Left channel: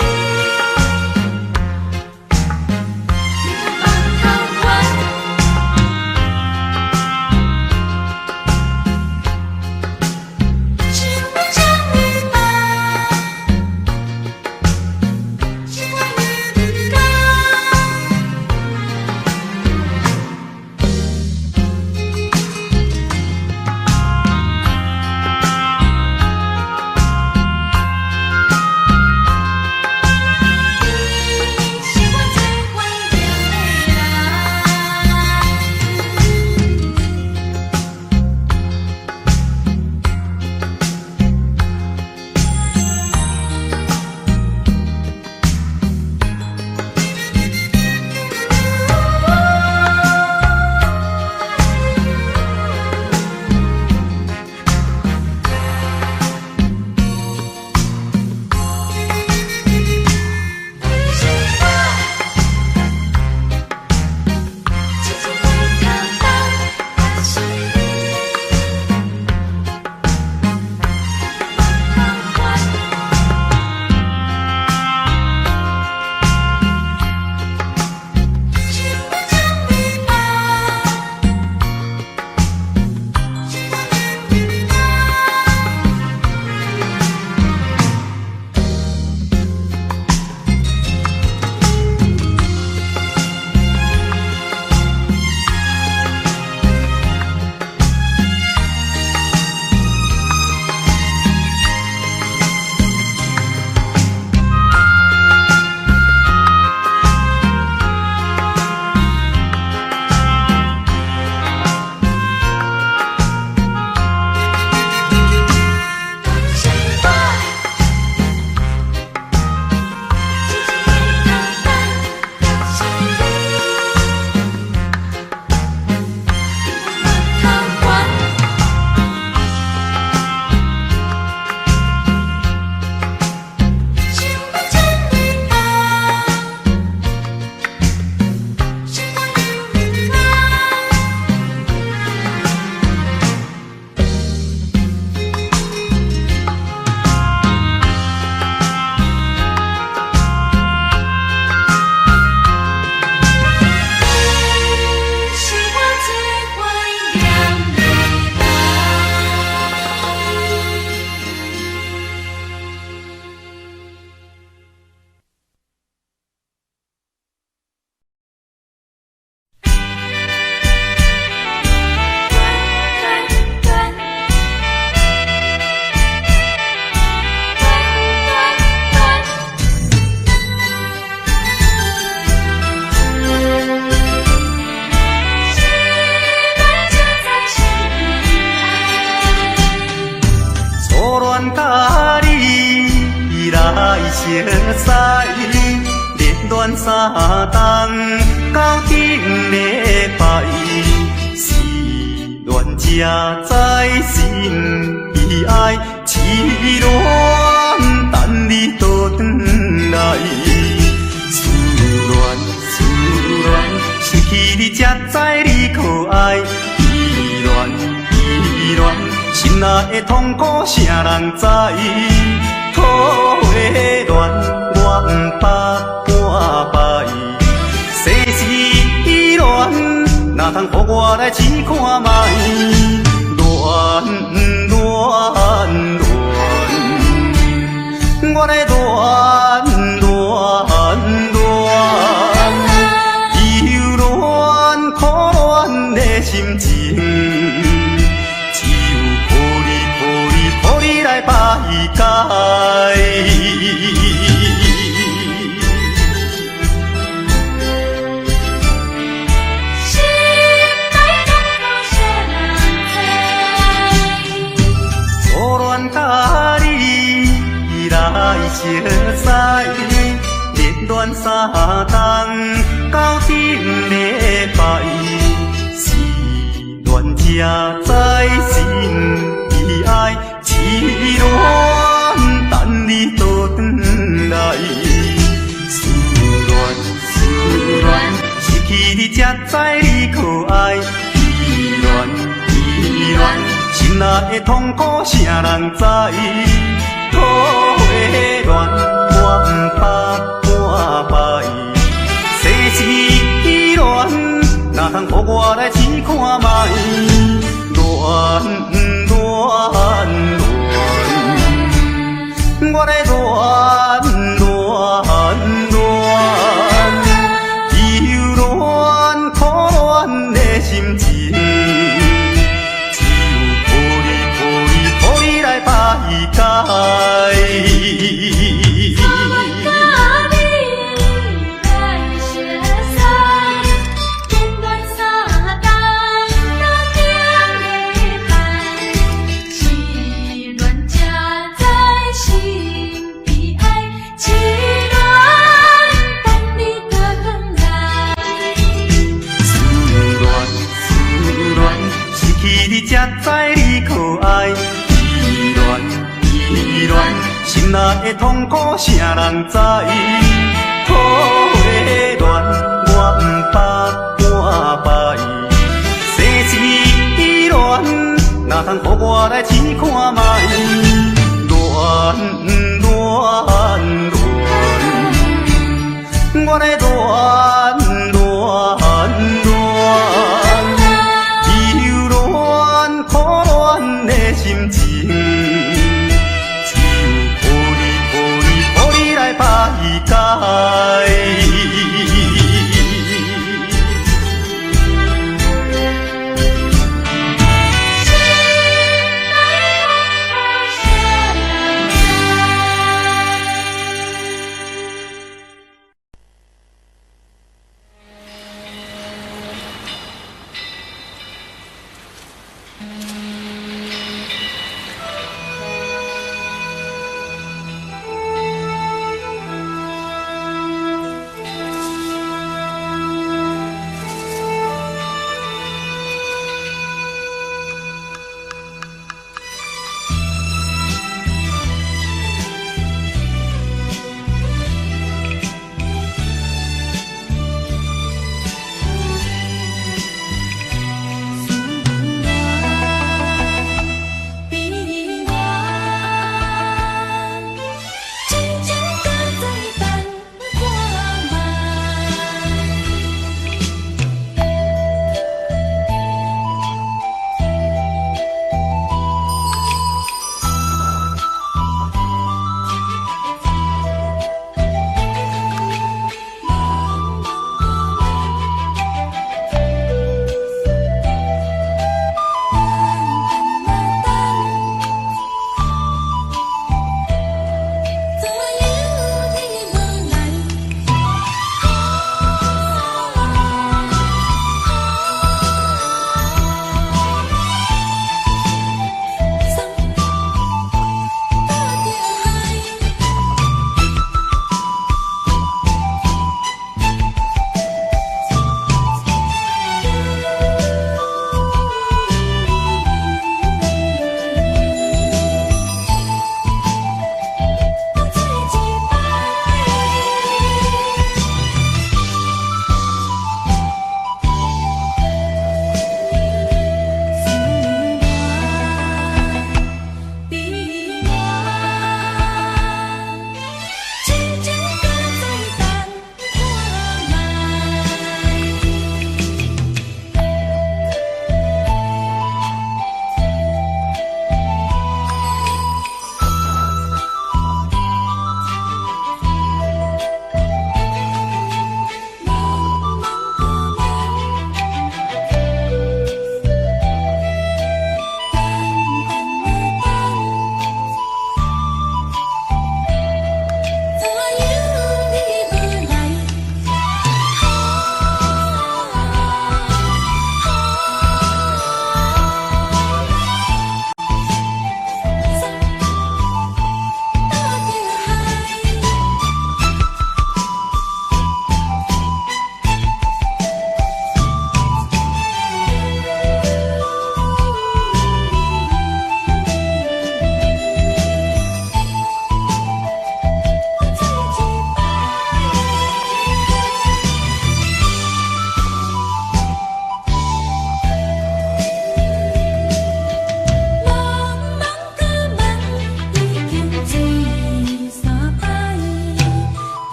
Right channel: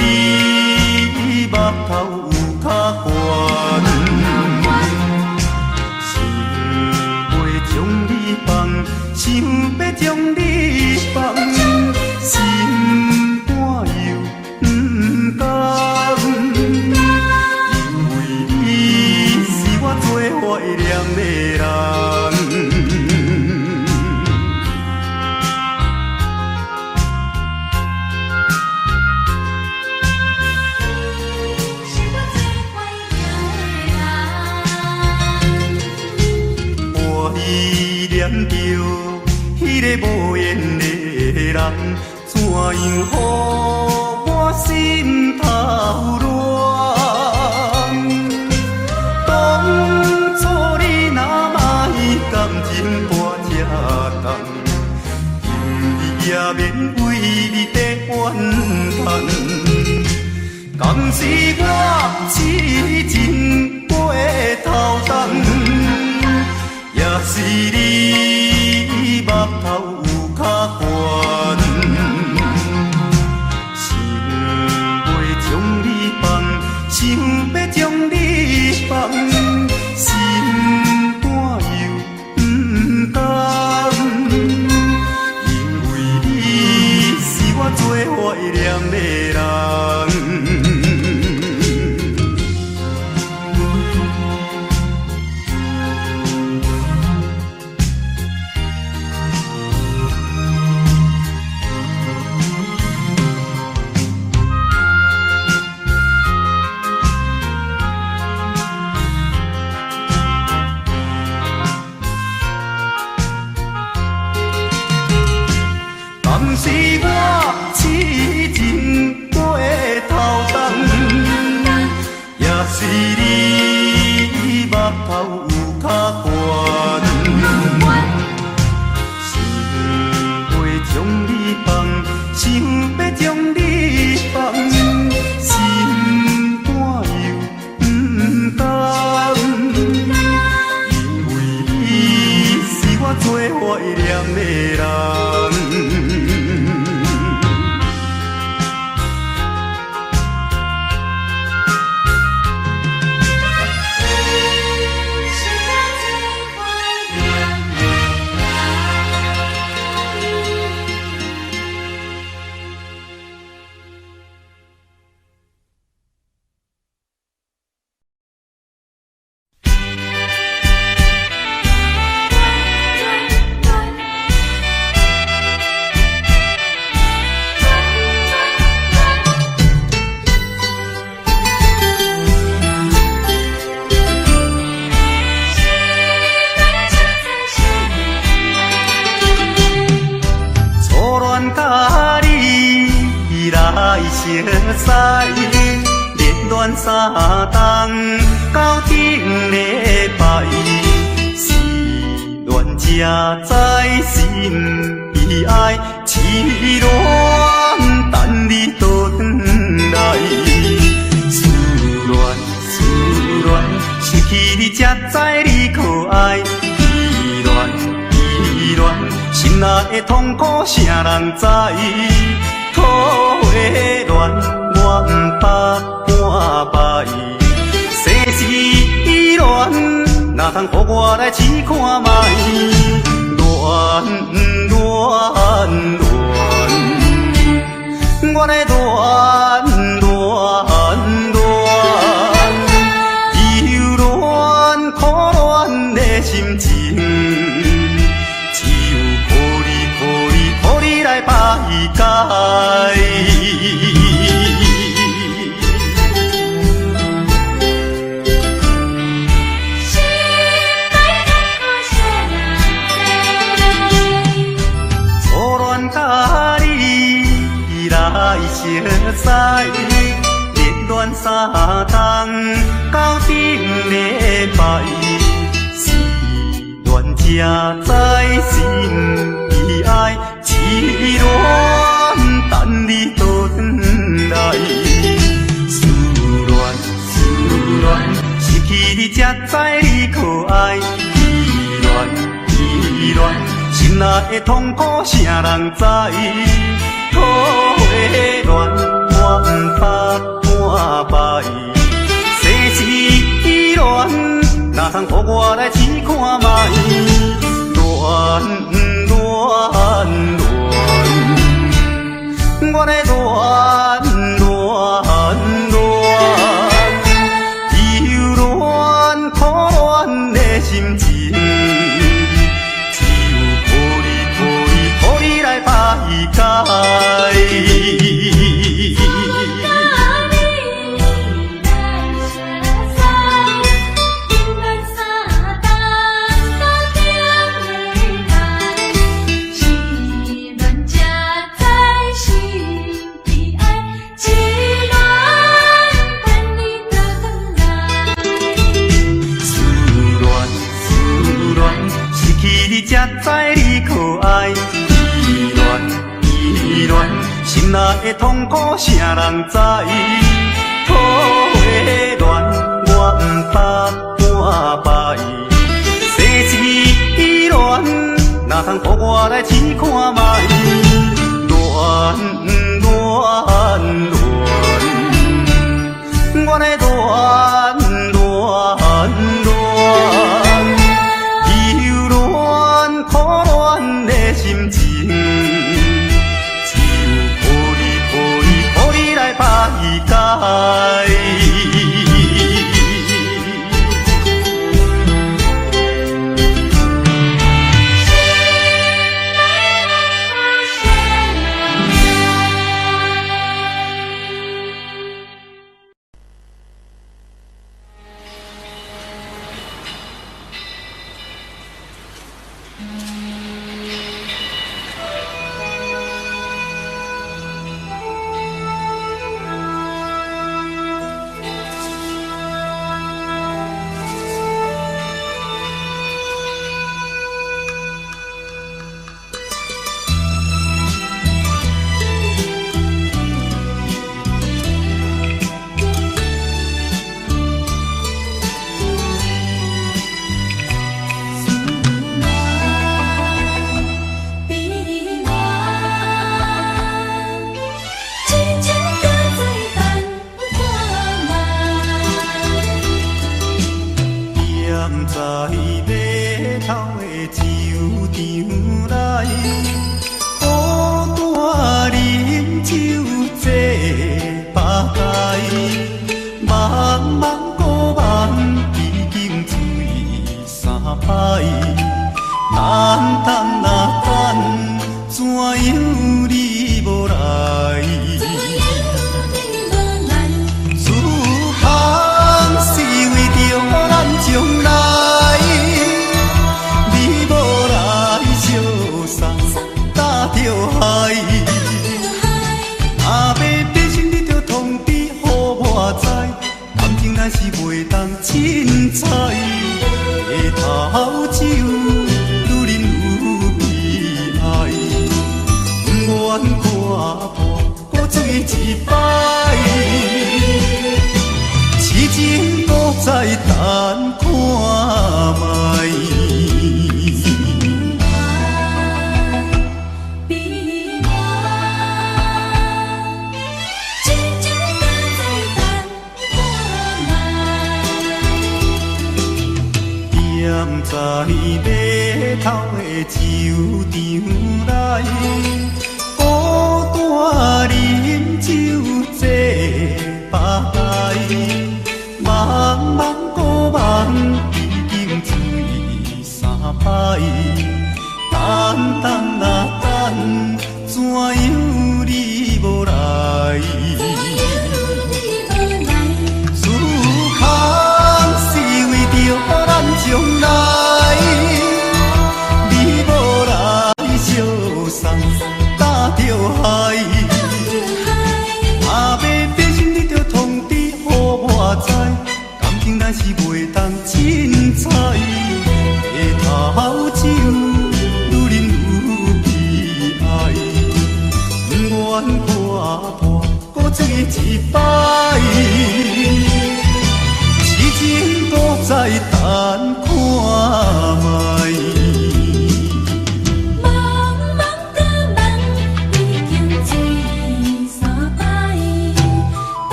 你目头有较悬，想袂将你放，想要将你放，心肝又不甘，因为你是我最怀念的人。我依念着迄个无缘的人，怎样予我心头乱？当初你若歹感情我这重，也免为你在怨叹。敢是我痴情过头重，也是你目头有较悬，想袂将你放，想要将你放，心肝又不甘，因为你是我最怀念的人。敢是我痴情过头重，也是你目头有较悬，想袂将你放，想要将你放，心肝又不甘，因为你是我最怀念的人。初恋甲你来熟悉，热恋三冬到顶礼拜，是恋才知心悲哀，痴恋等你倒转来，思恋失去你才知你可爱，依恋心内的痛苦，啥人知？土的恋，我不捌半摆。世事恋，哪通予我来试看覓？恋，我来恋，忧恋苦恋的心情。予你来排解。初恋甲你来熟悉，热恋三冬到顶礼拜，是恋才知心悲哀。痴恋等你倒转来，思恋失去你才知你可爱，依恋心内的痛苦，啥人知？土的恋，我不怕半摆。世事乱，哪通互我来试看卖？乱乱乱，我来乱乱乱，忧乱苦乱的心情，只有抱你来排解。你才知你可爱，依恋依恋，心内的痛苦谁人知？土的乱，我不怕半摆。世事乱，哪通互我来试看卖？乱乱乱，我来乱乱乱。苦乱的心情，只有抱你来排解。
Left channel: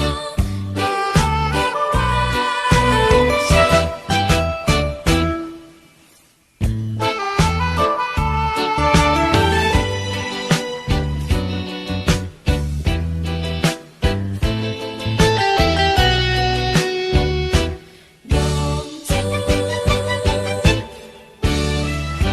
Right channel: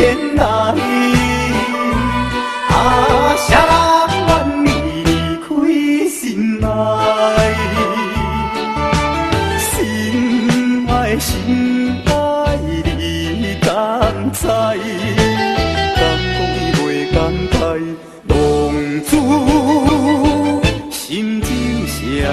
天来，谁人愿意离开心爱？心爱心爱你敢知？敢讲袂敢开，浪子心情谁人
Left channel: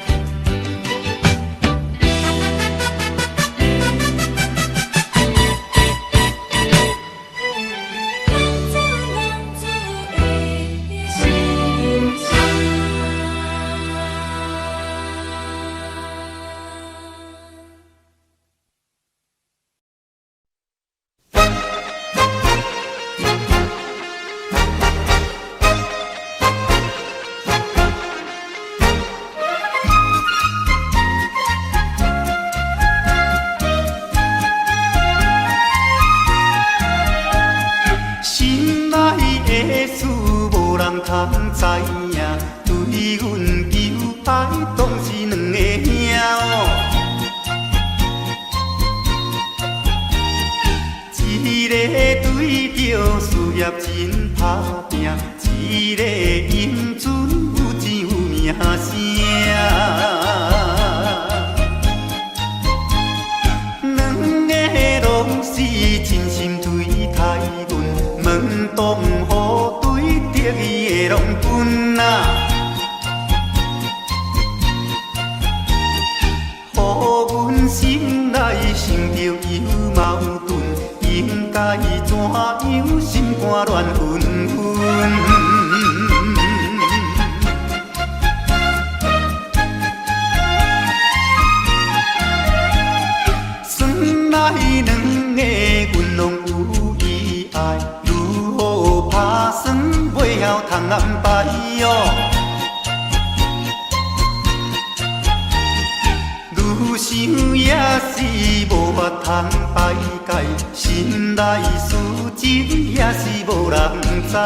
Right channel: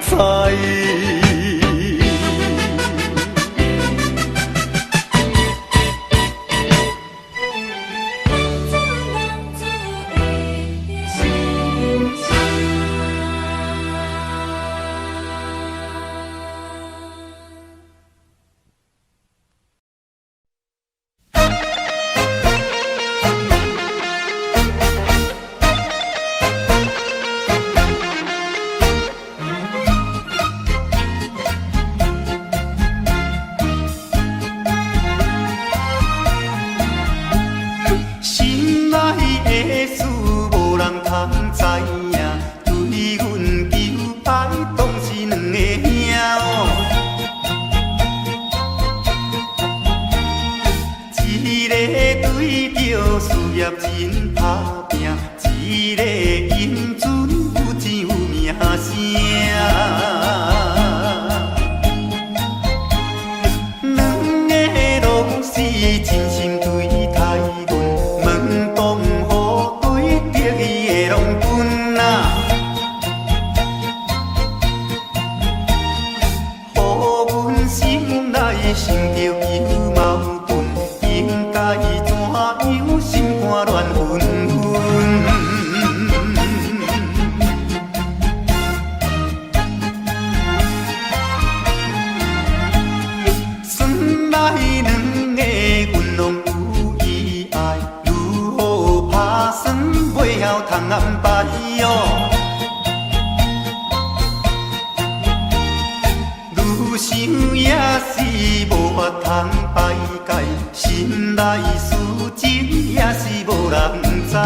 知？通知影，对阮求爱当是两个兄哦。一个对着事业真打拼，一个英俊有钱有名声。两个拢是真心对待阮，门当户对得意的拢分啊。予阮心内生着有矛盾，应该怎样心肝乱纷纷？算来两个阮拢有意爱，如何打算袂晓通安排哦？愈想也是无法通排解，心内事情也是无人知。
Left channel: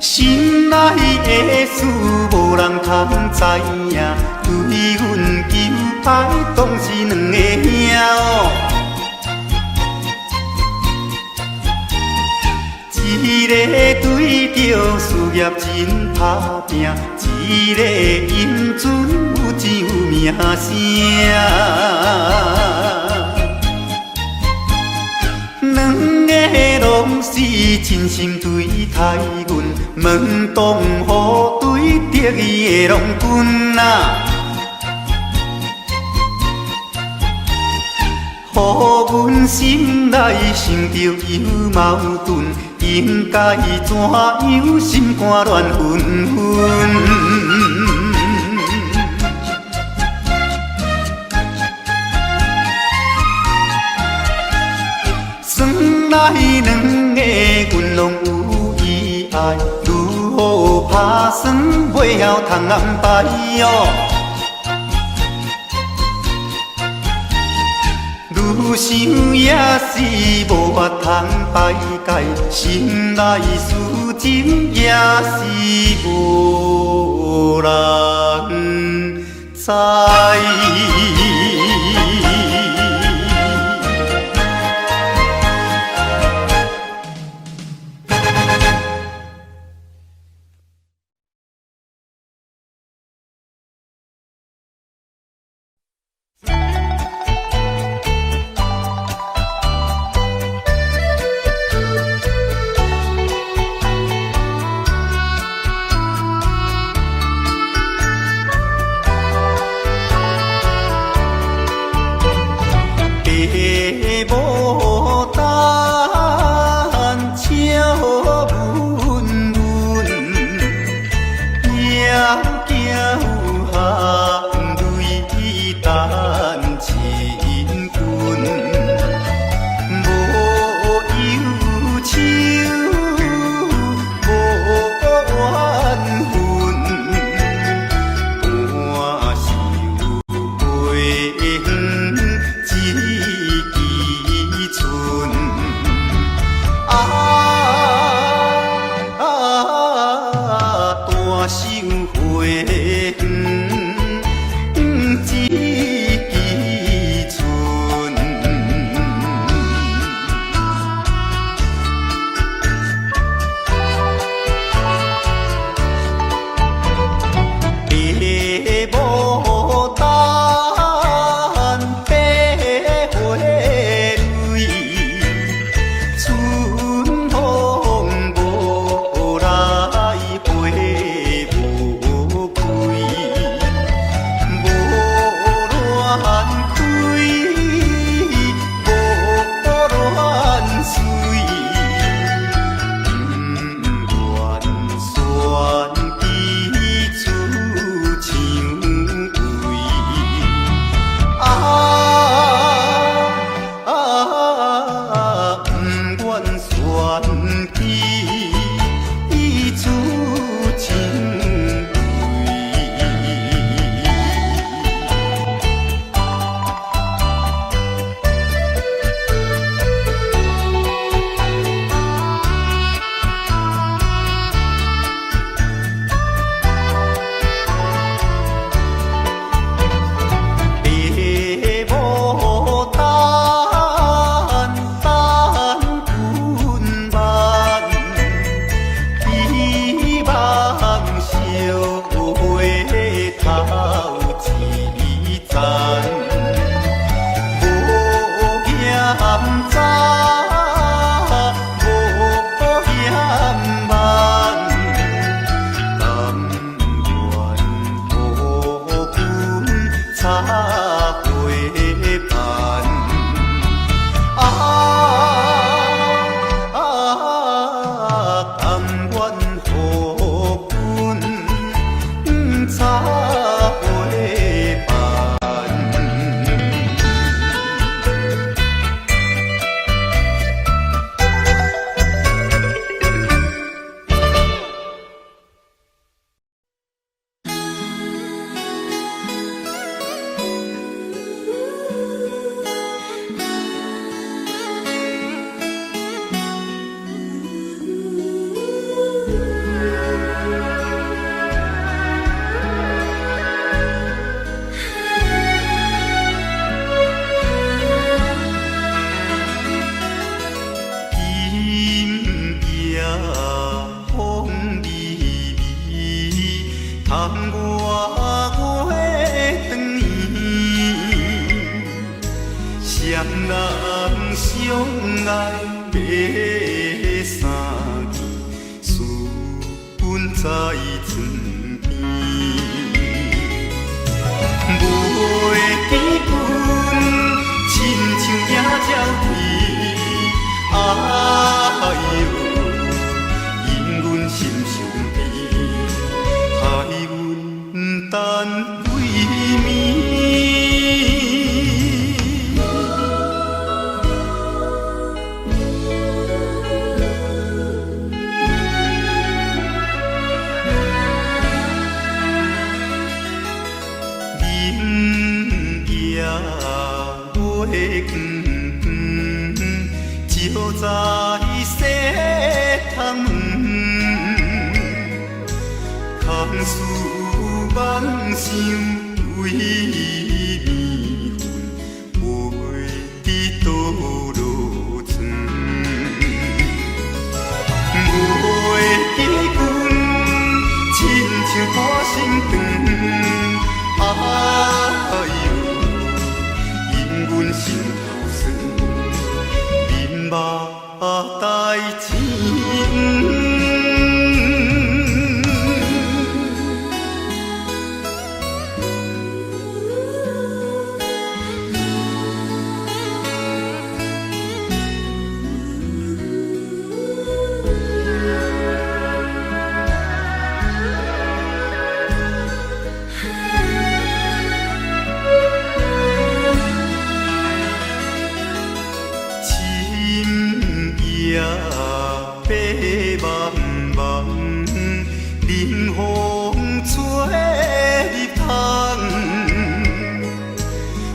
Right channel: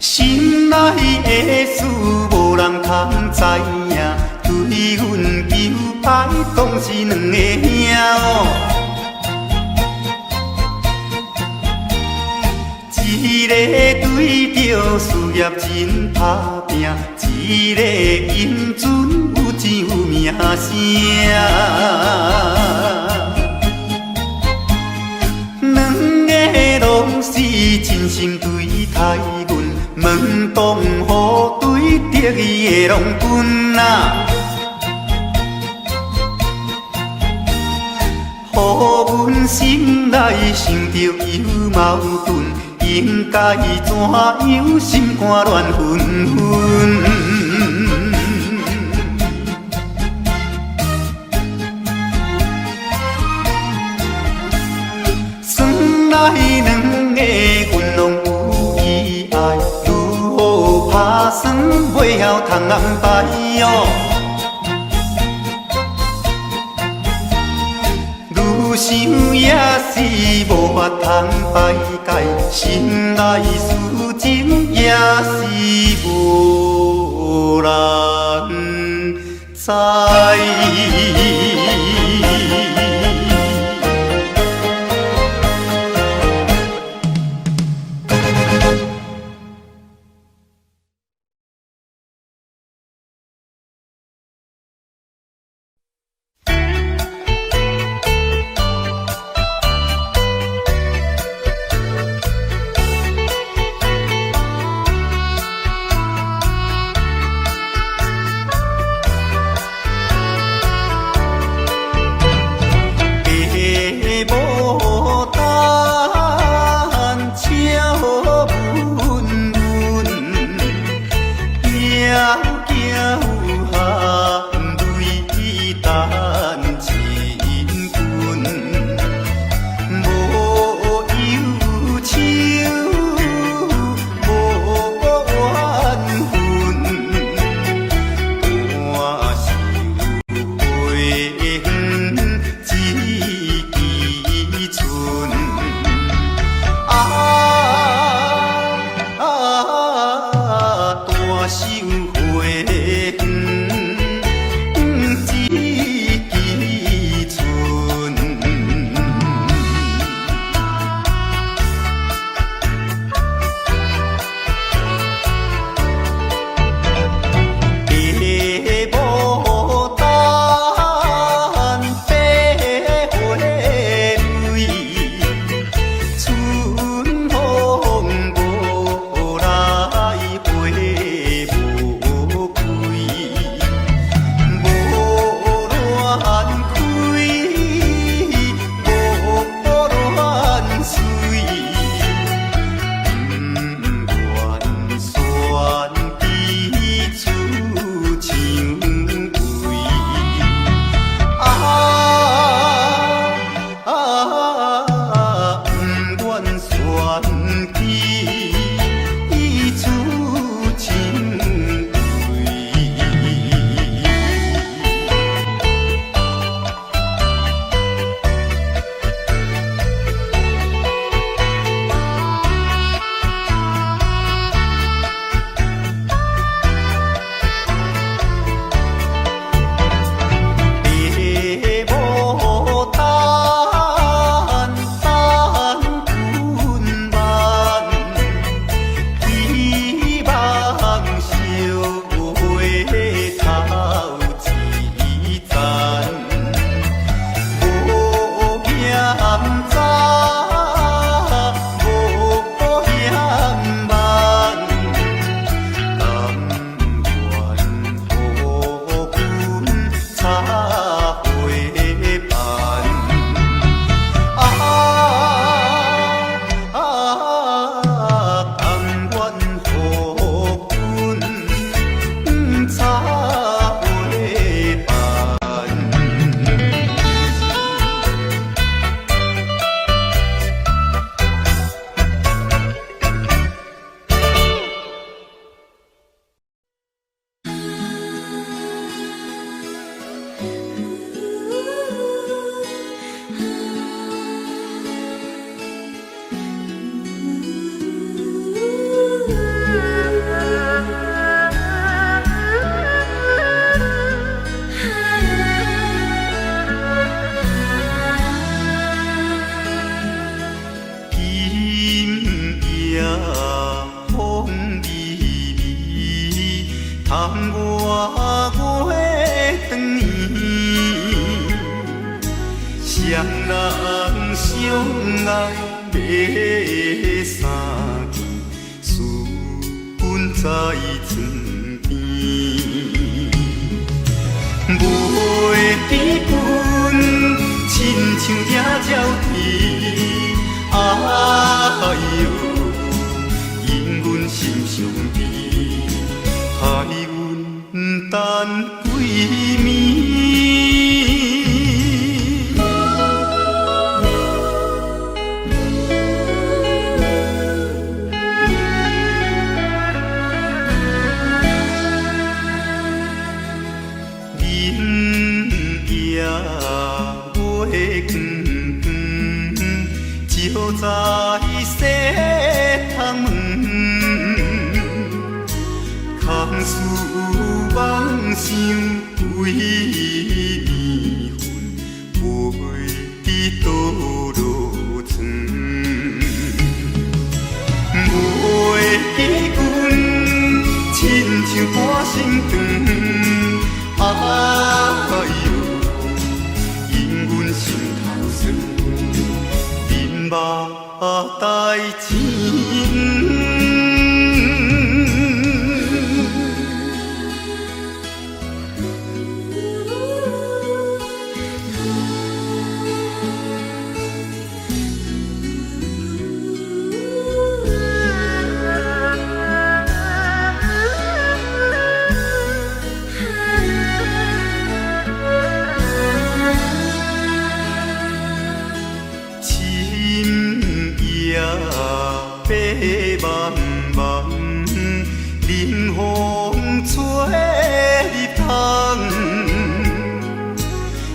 心内的事无人通知影，对阮求爱当是两个兄哦。一个对着事业真打拼，一个英俊有钱有名声。两个拢是真心对待阮，门当户对得意的拢分啊。予阮心内生着有矛盾，应该怎样心肝乱纷纷？算来两个阮拢有意爱，如何打算袂晓通安排哦？愈想也是无法通排解，心内事情也是无含泪等亲君，无忧愁，无怨恨，半袖花远，一枝春。大袖花远，一枝春。白牡丹，白花蕊，春风无来花无开，无乱开，无乱随，不愿选枝出蔷薇。不愿选枝出蔷薇。白牡丹，等君晚，希望小花头一丛，无嫌早，无嫌晚，但愿予君插花瓣。但愿予君插花瓣。今夜风微微，窗外月长圆。双人相爱要三更，思君在床边。袂记君，亲像野鸟啼。哎呦，因阮心伤悲，害阮等几暝。明夜月光光，照在西窗门，空思梦想为暝昏，袂知倒落床。袂记君，亲像半心肠。哎呦，因阮心头酸，面目带情。吹入窗，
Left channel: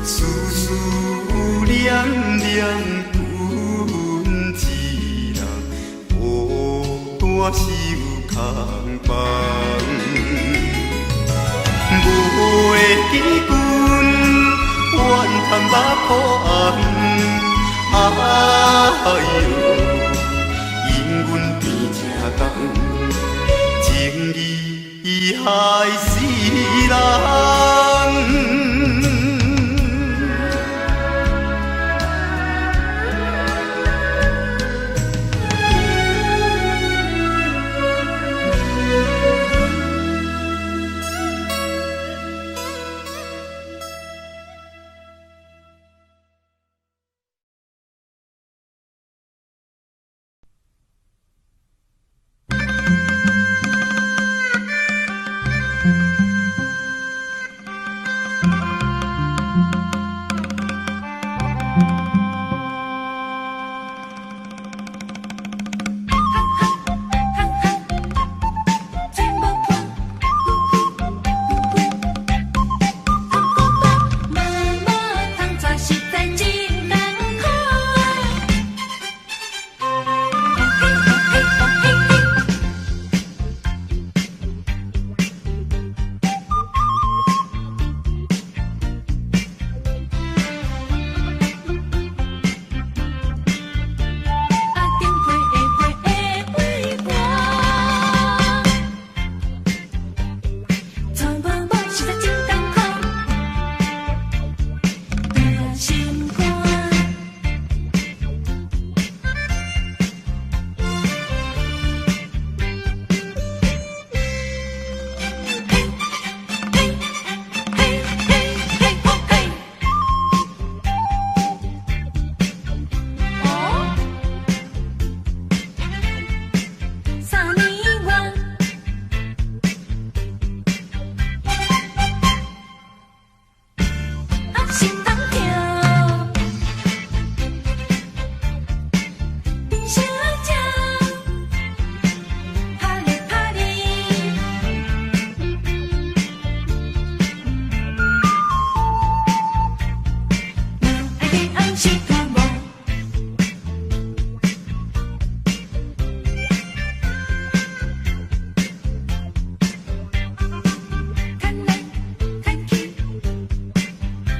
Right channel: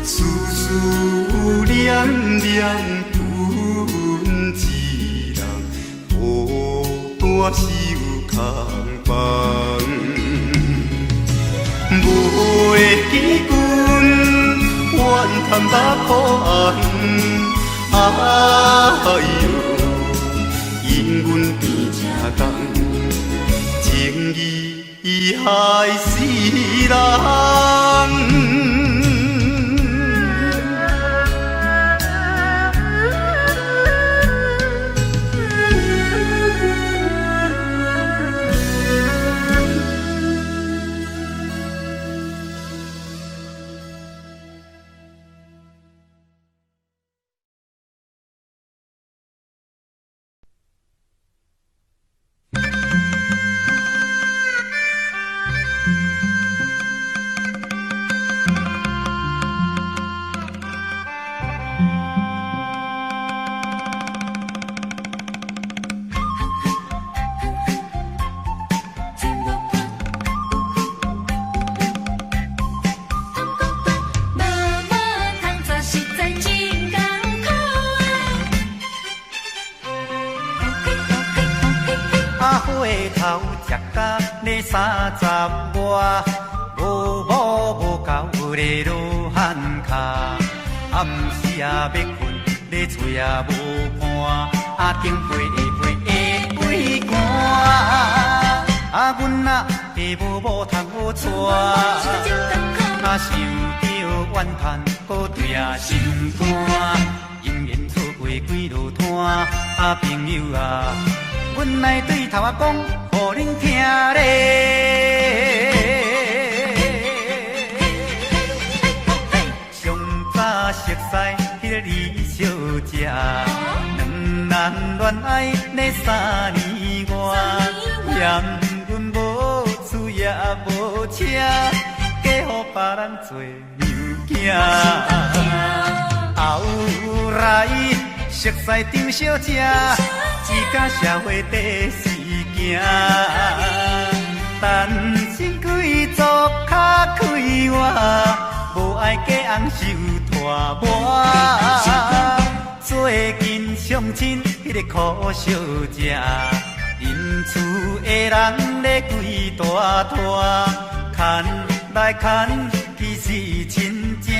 丝丝念念阮一人，孤单守空房。袂记阮怨叹目苦红，哎哟，因阮变正重，情义害死人。熟悉张小姐，只甲社会第四行。单身贵族较快活，无爱嫁翁受拖磨。最近相亲迄个苦小姐，因厝的人咧规大拖，牵来牵去是亲情，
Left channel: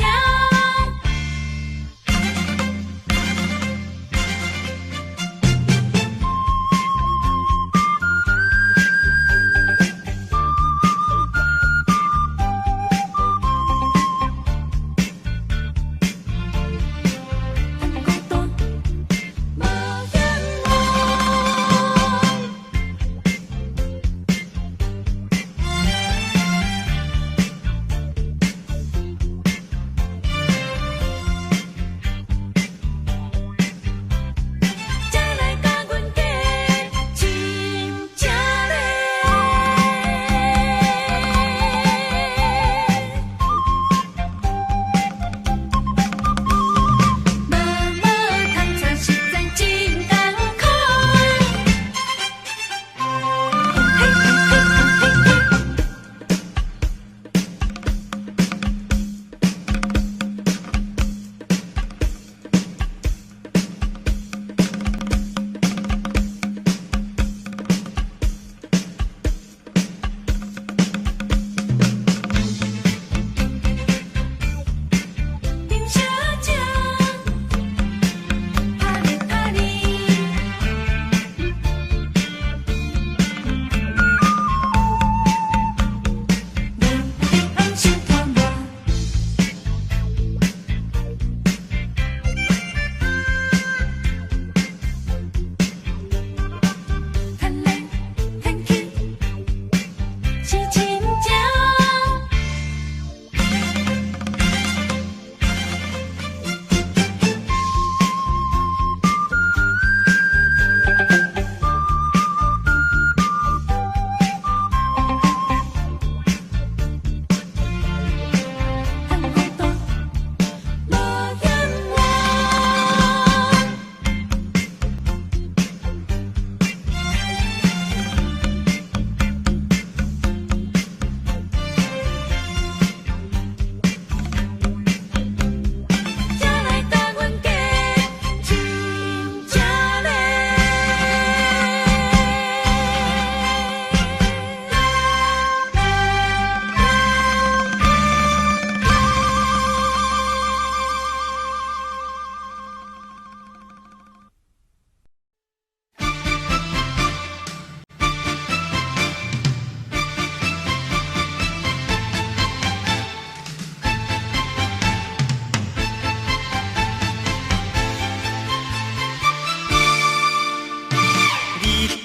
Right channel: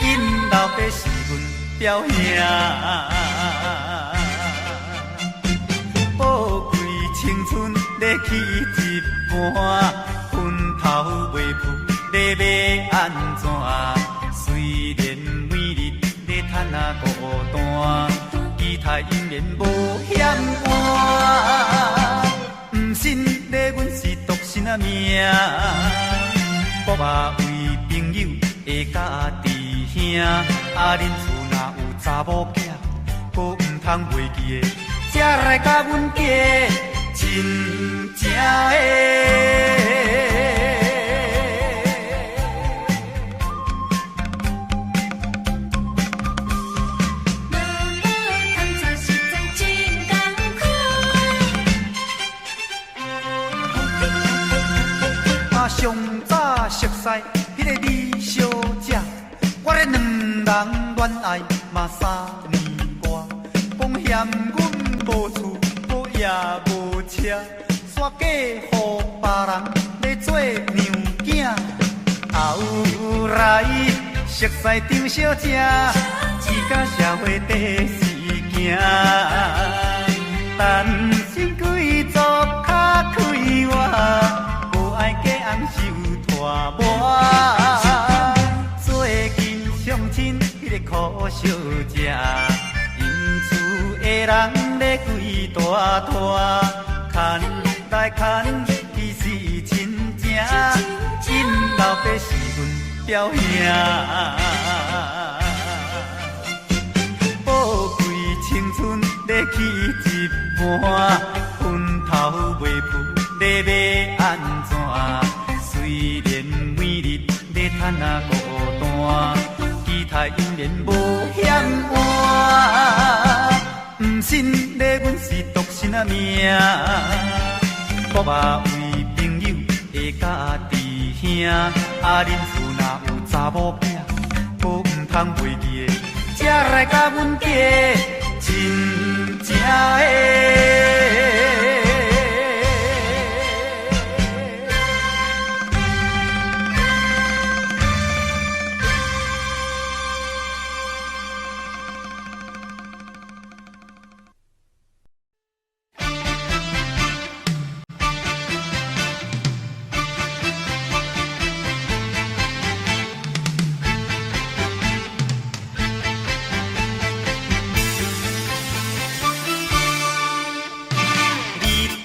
因老爸是阮表兄。熟悉张小姐，只甲社会第四行。单身贵族较快活，无爱嫁翁受拖磨。最近相亲迄个苦小姐，因厝的人咧规大拖，牵来牵去是亲情，因老爸是阮表兄。我嘛为朋友会甲命，啊，恁厝若有查某囝，可毋通袂记的，才来甲阮家亲正的。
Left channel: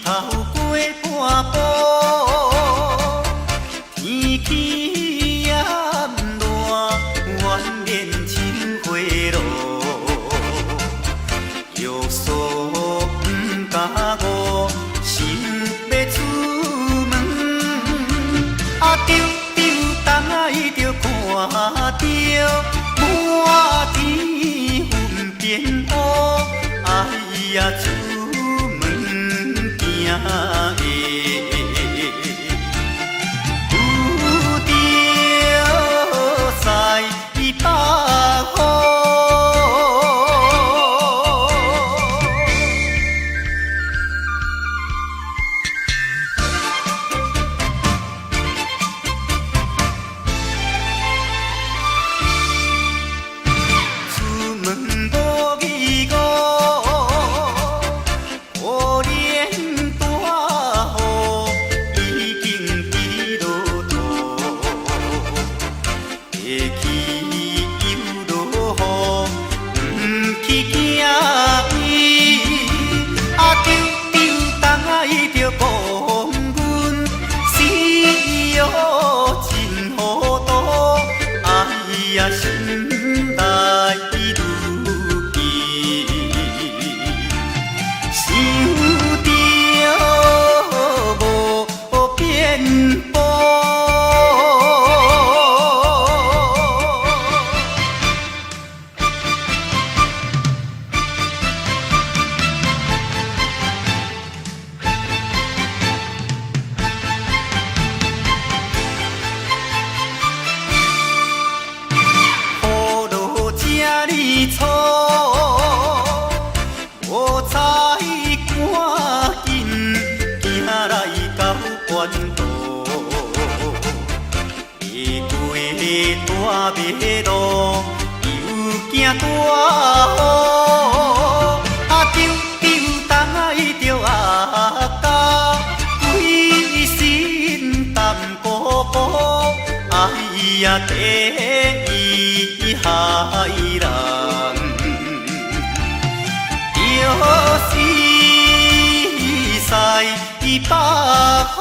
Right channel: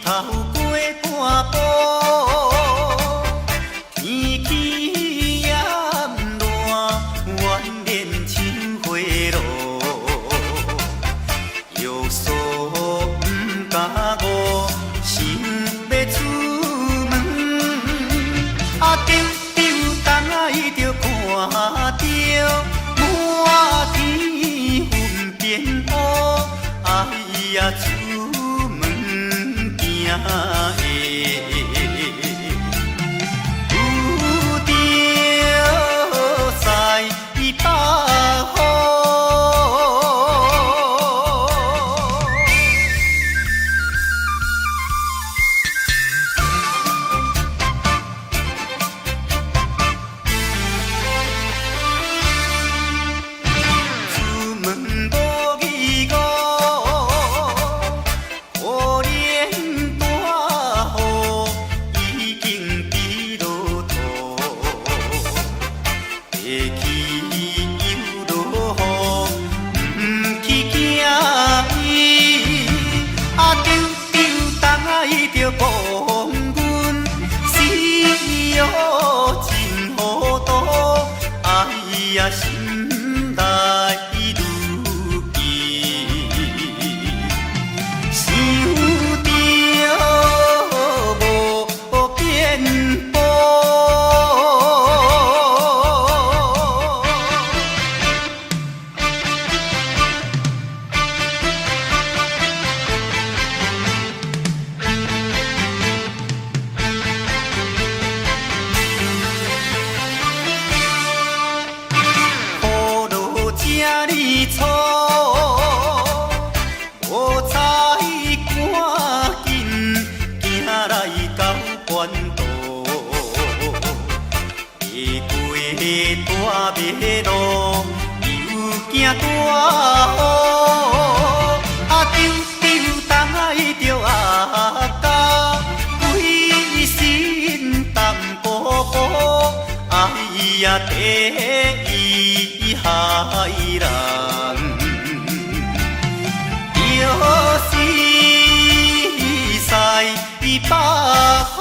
头过半步，天气炎热，怨念亲花落，约束不敢误，想要出门，啊丢丢东来就看到满天云变乌，哎呀！有着西北风，出门无义务。着讲阮死哟真糊涂，哎呀心内如记，想着无变步。错，无采赶紧行来到关渡，迷过大马路，又惊大雨，啊丢丢东来着阿家，规身淡薄薄，哎呀第一害人。又是西北风。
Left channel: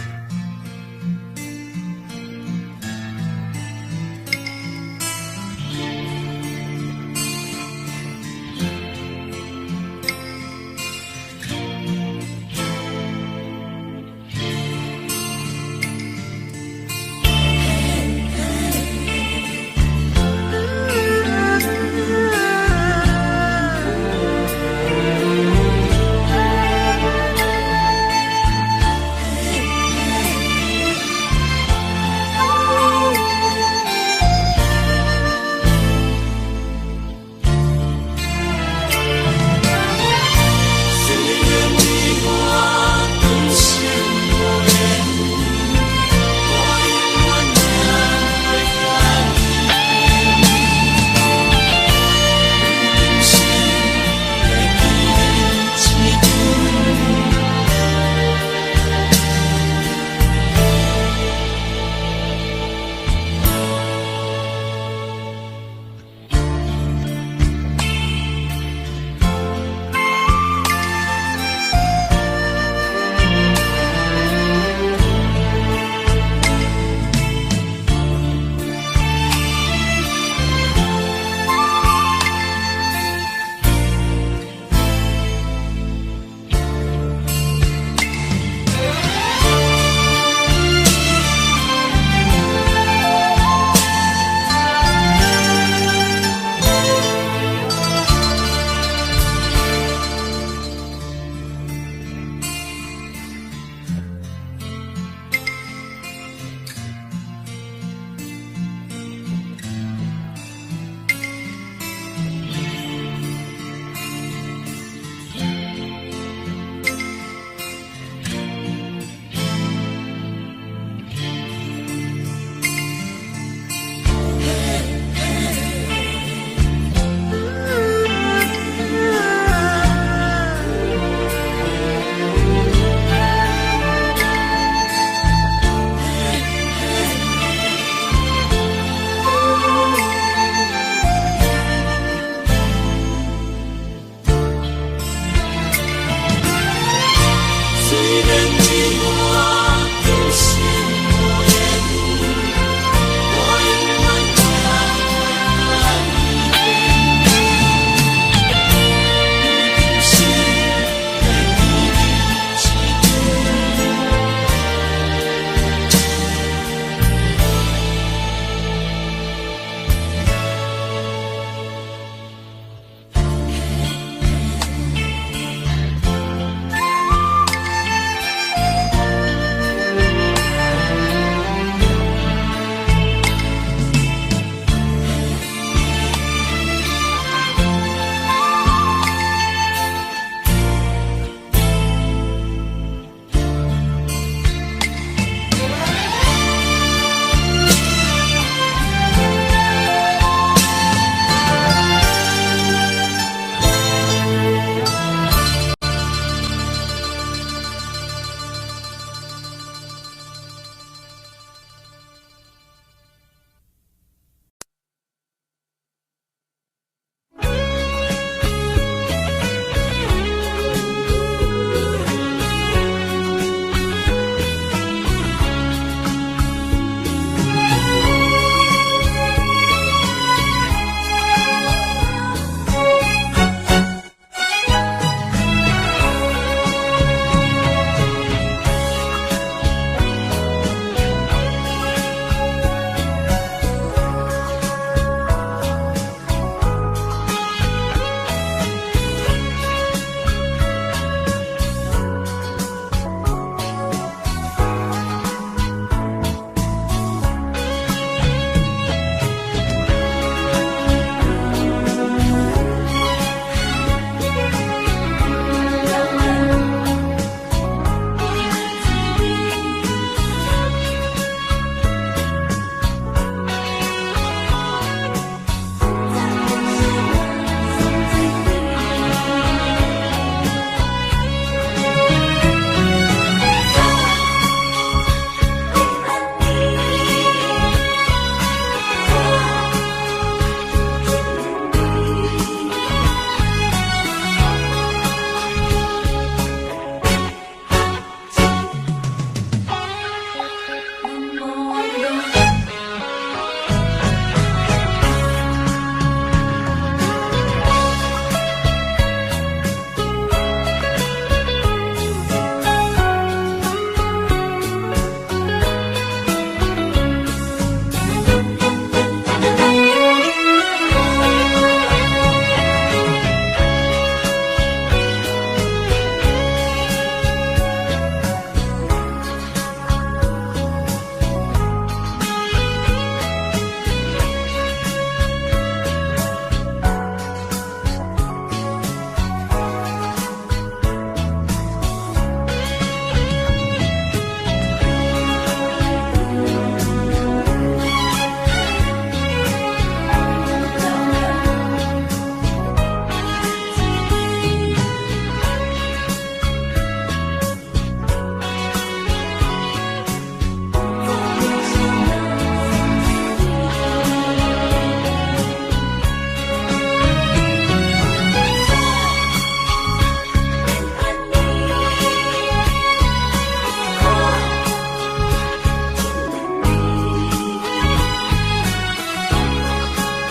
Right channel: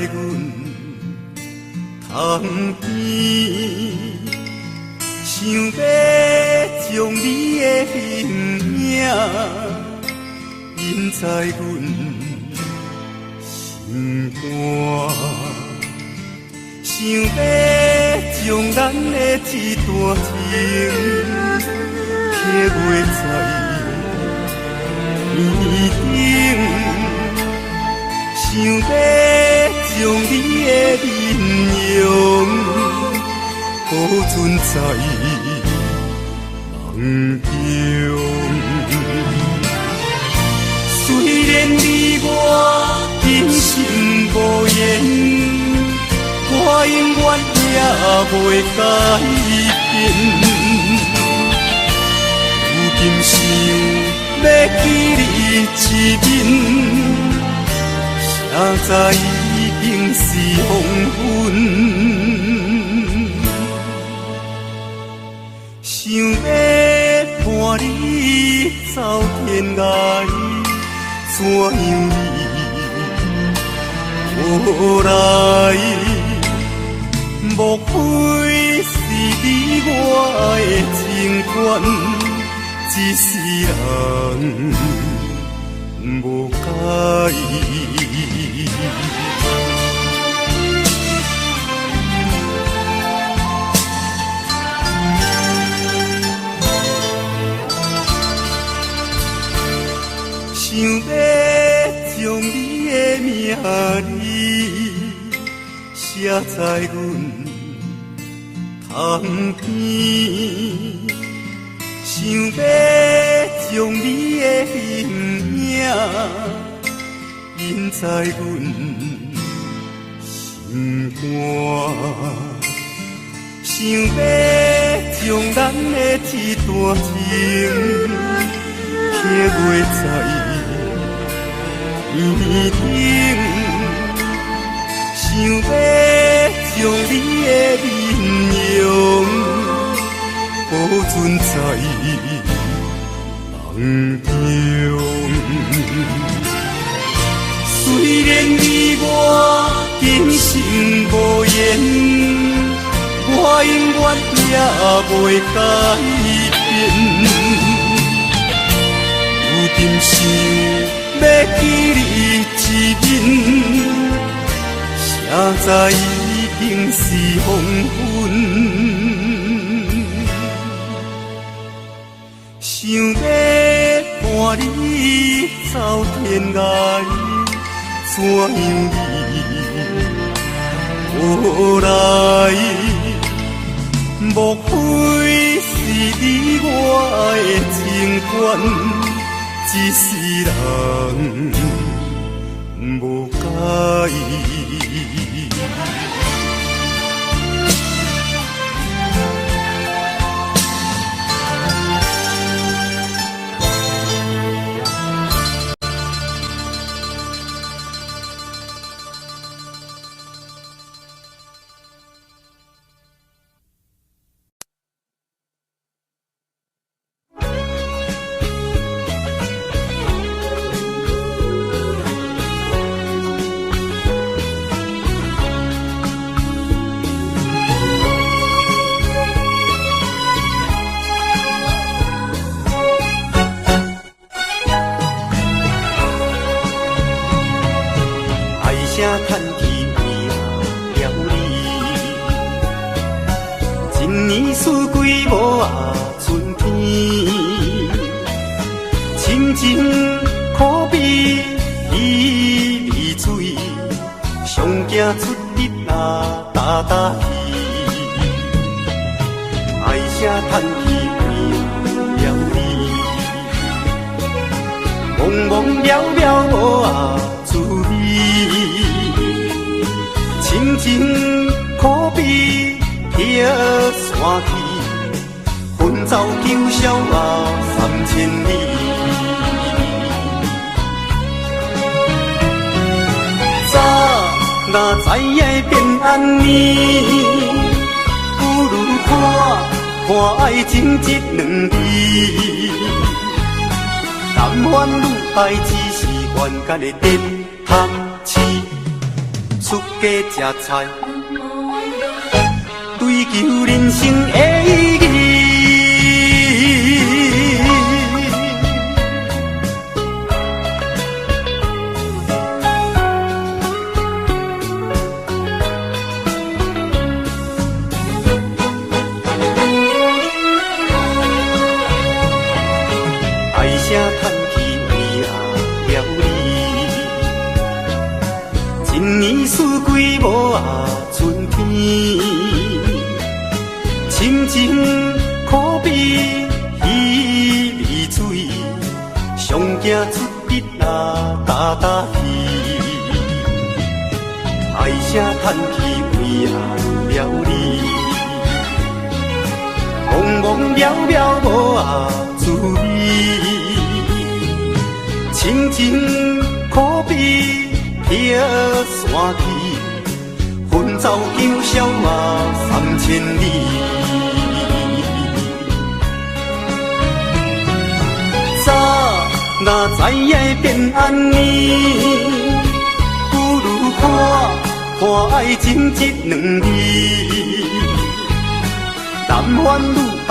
阮窗边，想要将你的名印在阮心肝，想要将咱的这段情刻画在想要将你的面容保存在梦中。虽然你我今生无缘，我永远也袂改变。如今想要记你一面，现在已经是黄昏，想要伴你走天涯，怎样你来？莫非是你我的情缘，一世人无解。想要将你的名字写在阮窗边，想要将你的名印在阮心肝，想要将咱的这段情刻画在面顶，想要将你的面容保存在梦中。虽然你我今生无缘，我永远也袂改变。如今想要记你现在已经是黄昏，想要伴你走天涯，怎样你来？莫非是你我的情缘，一世人无解。但愿愈来只是冤家的电拍刺出。家吃菜，追求人生的意义。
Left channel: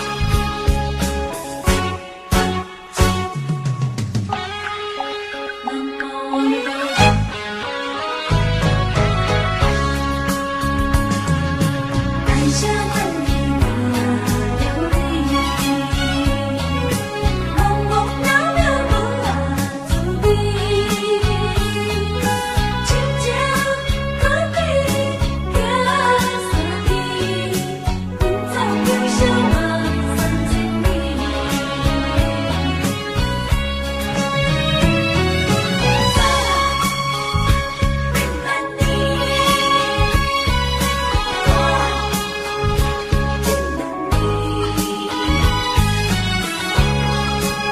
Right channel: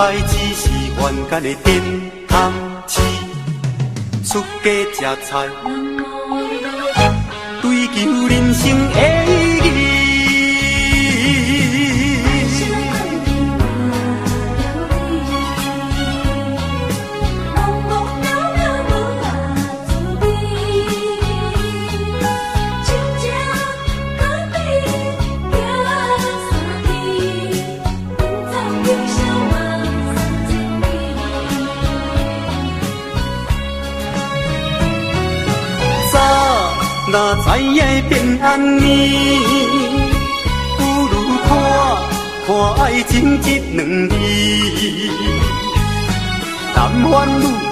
爱只是愿甲你点汤匙，出家吃菜，追求人生的意义。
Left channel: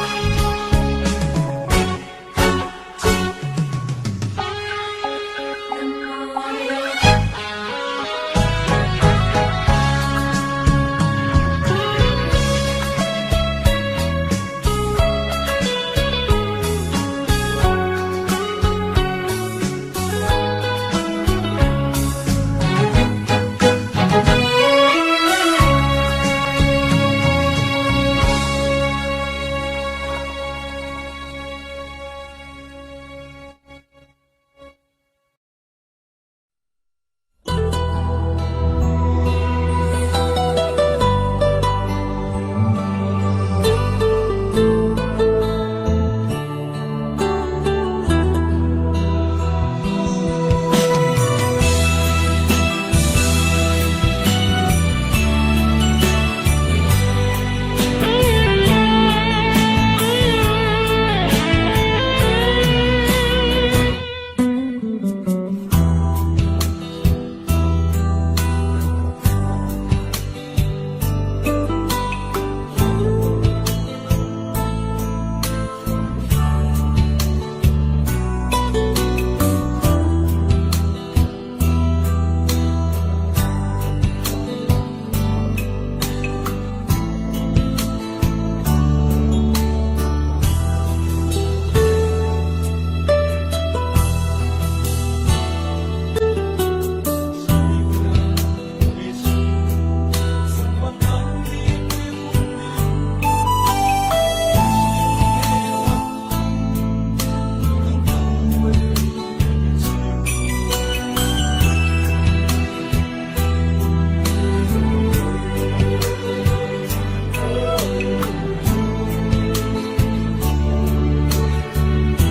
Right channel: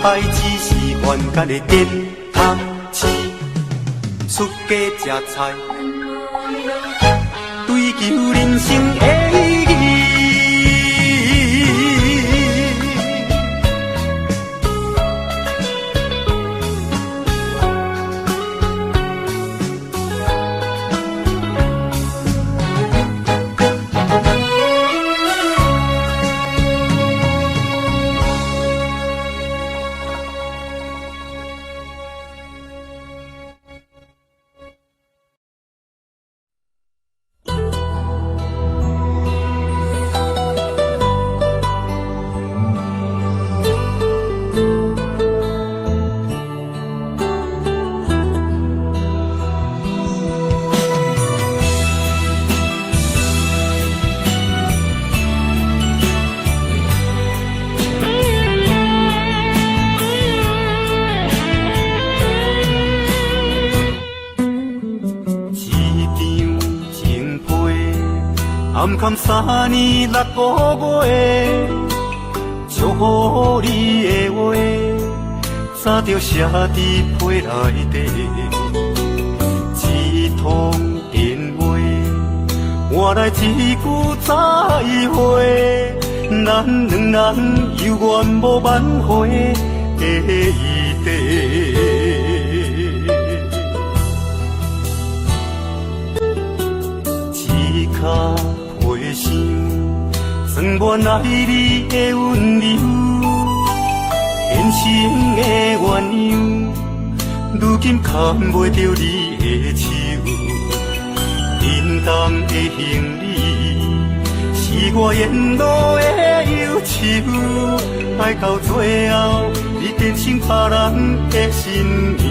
爱只是愿甲你点汤匙，出家吃菜，追求人生的意义。3年6個月，祝福你的話，早就寫在批內底。一通電話，換來一句再會，咱兩人猶原無挽回的餘地。原來你的溫柔，人生的緣由，如今牽袂着你的手。平淡的行李，是我沿路的憂愁，愛到最後，已變成別人的心意。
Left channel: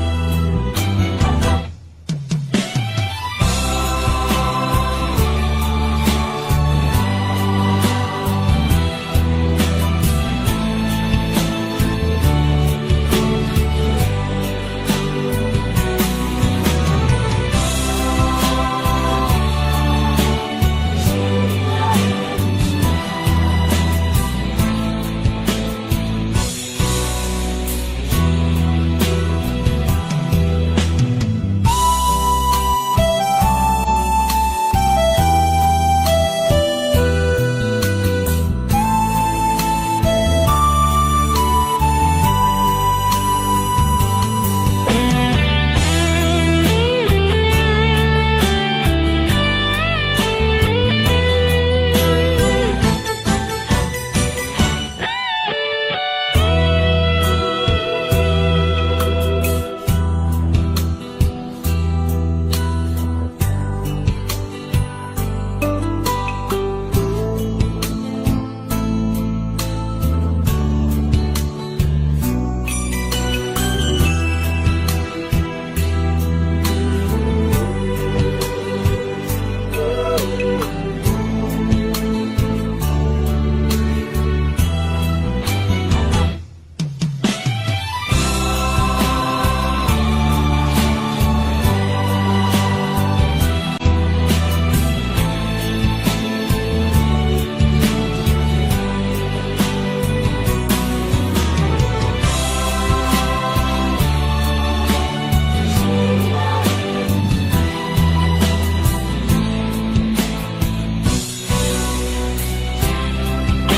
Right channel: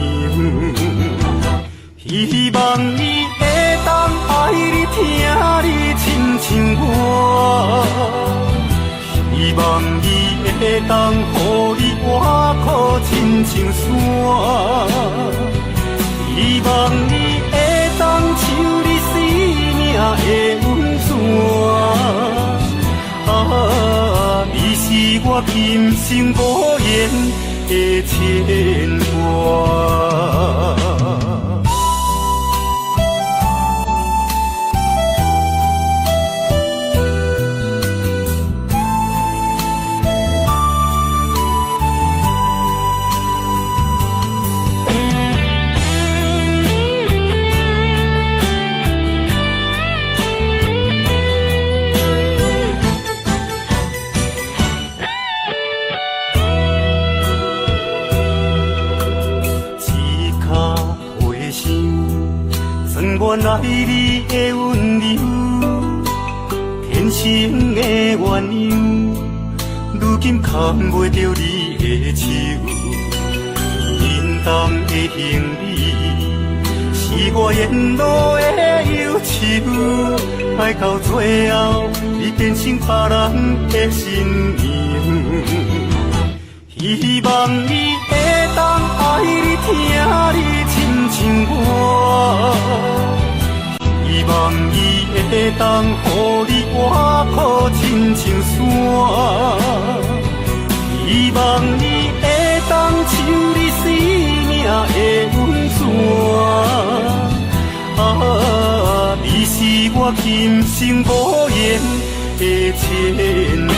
希望你會當愛你，聽你親像我。希望伊会当予你活苦亲像山，希望伊会当像你生命的温泉。啊，你是我今生无言望袂着你的手，面动的行李是我沿路的忧愁，爱到最后你变成别人的新娘，希望你会当爱你听你亲像我，希望你会当予你我抱亲像山，希望你会当像你生命的温泉，你是我今生无言的牵挂。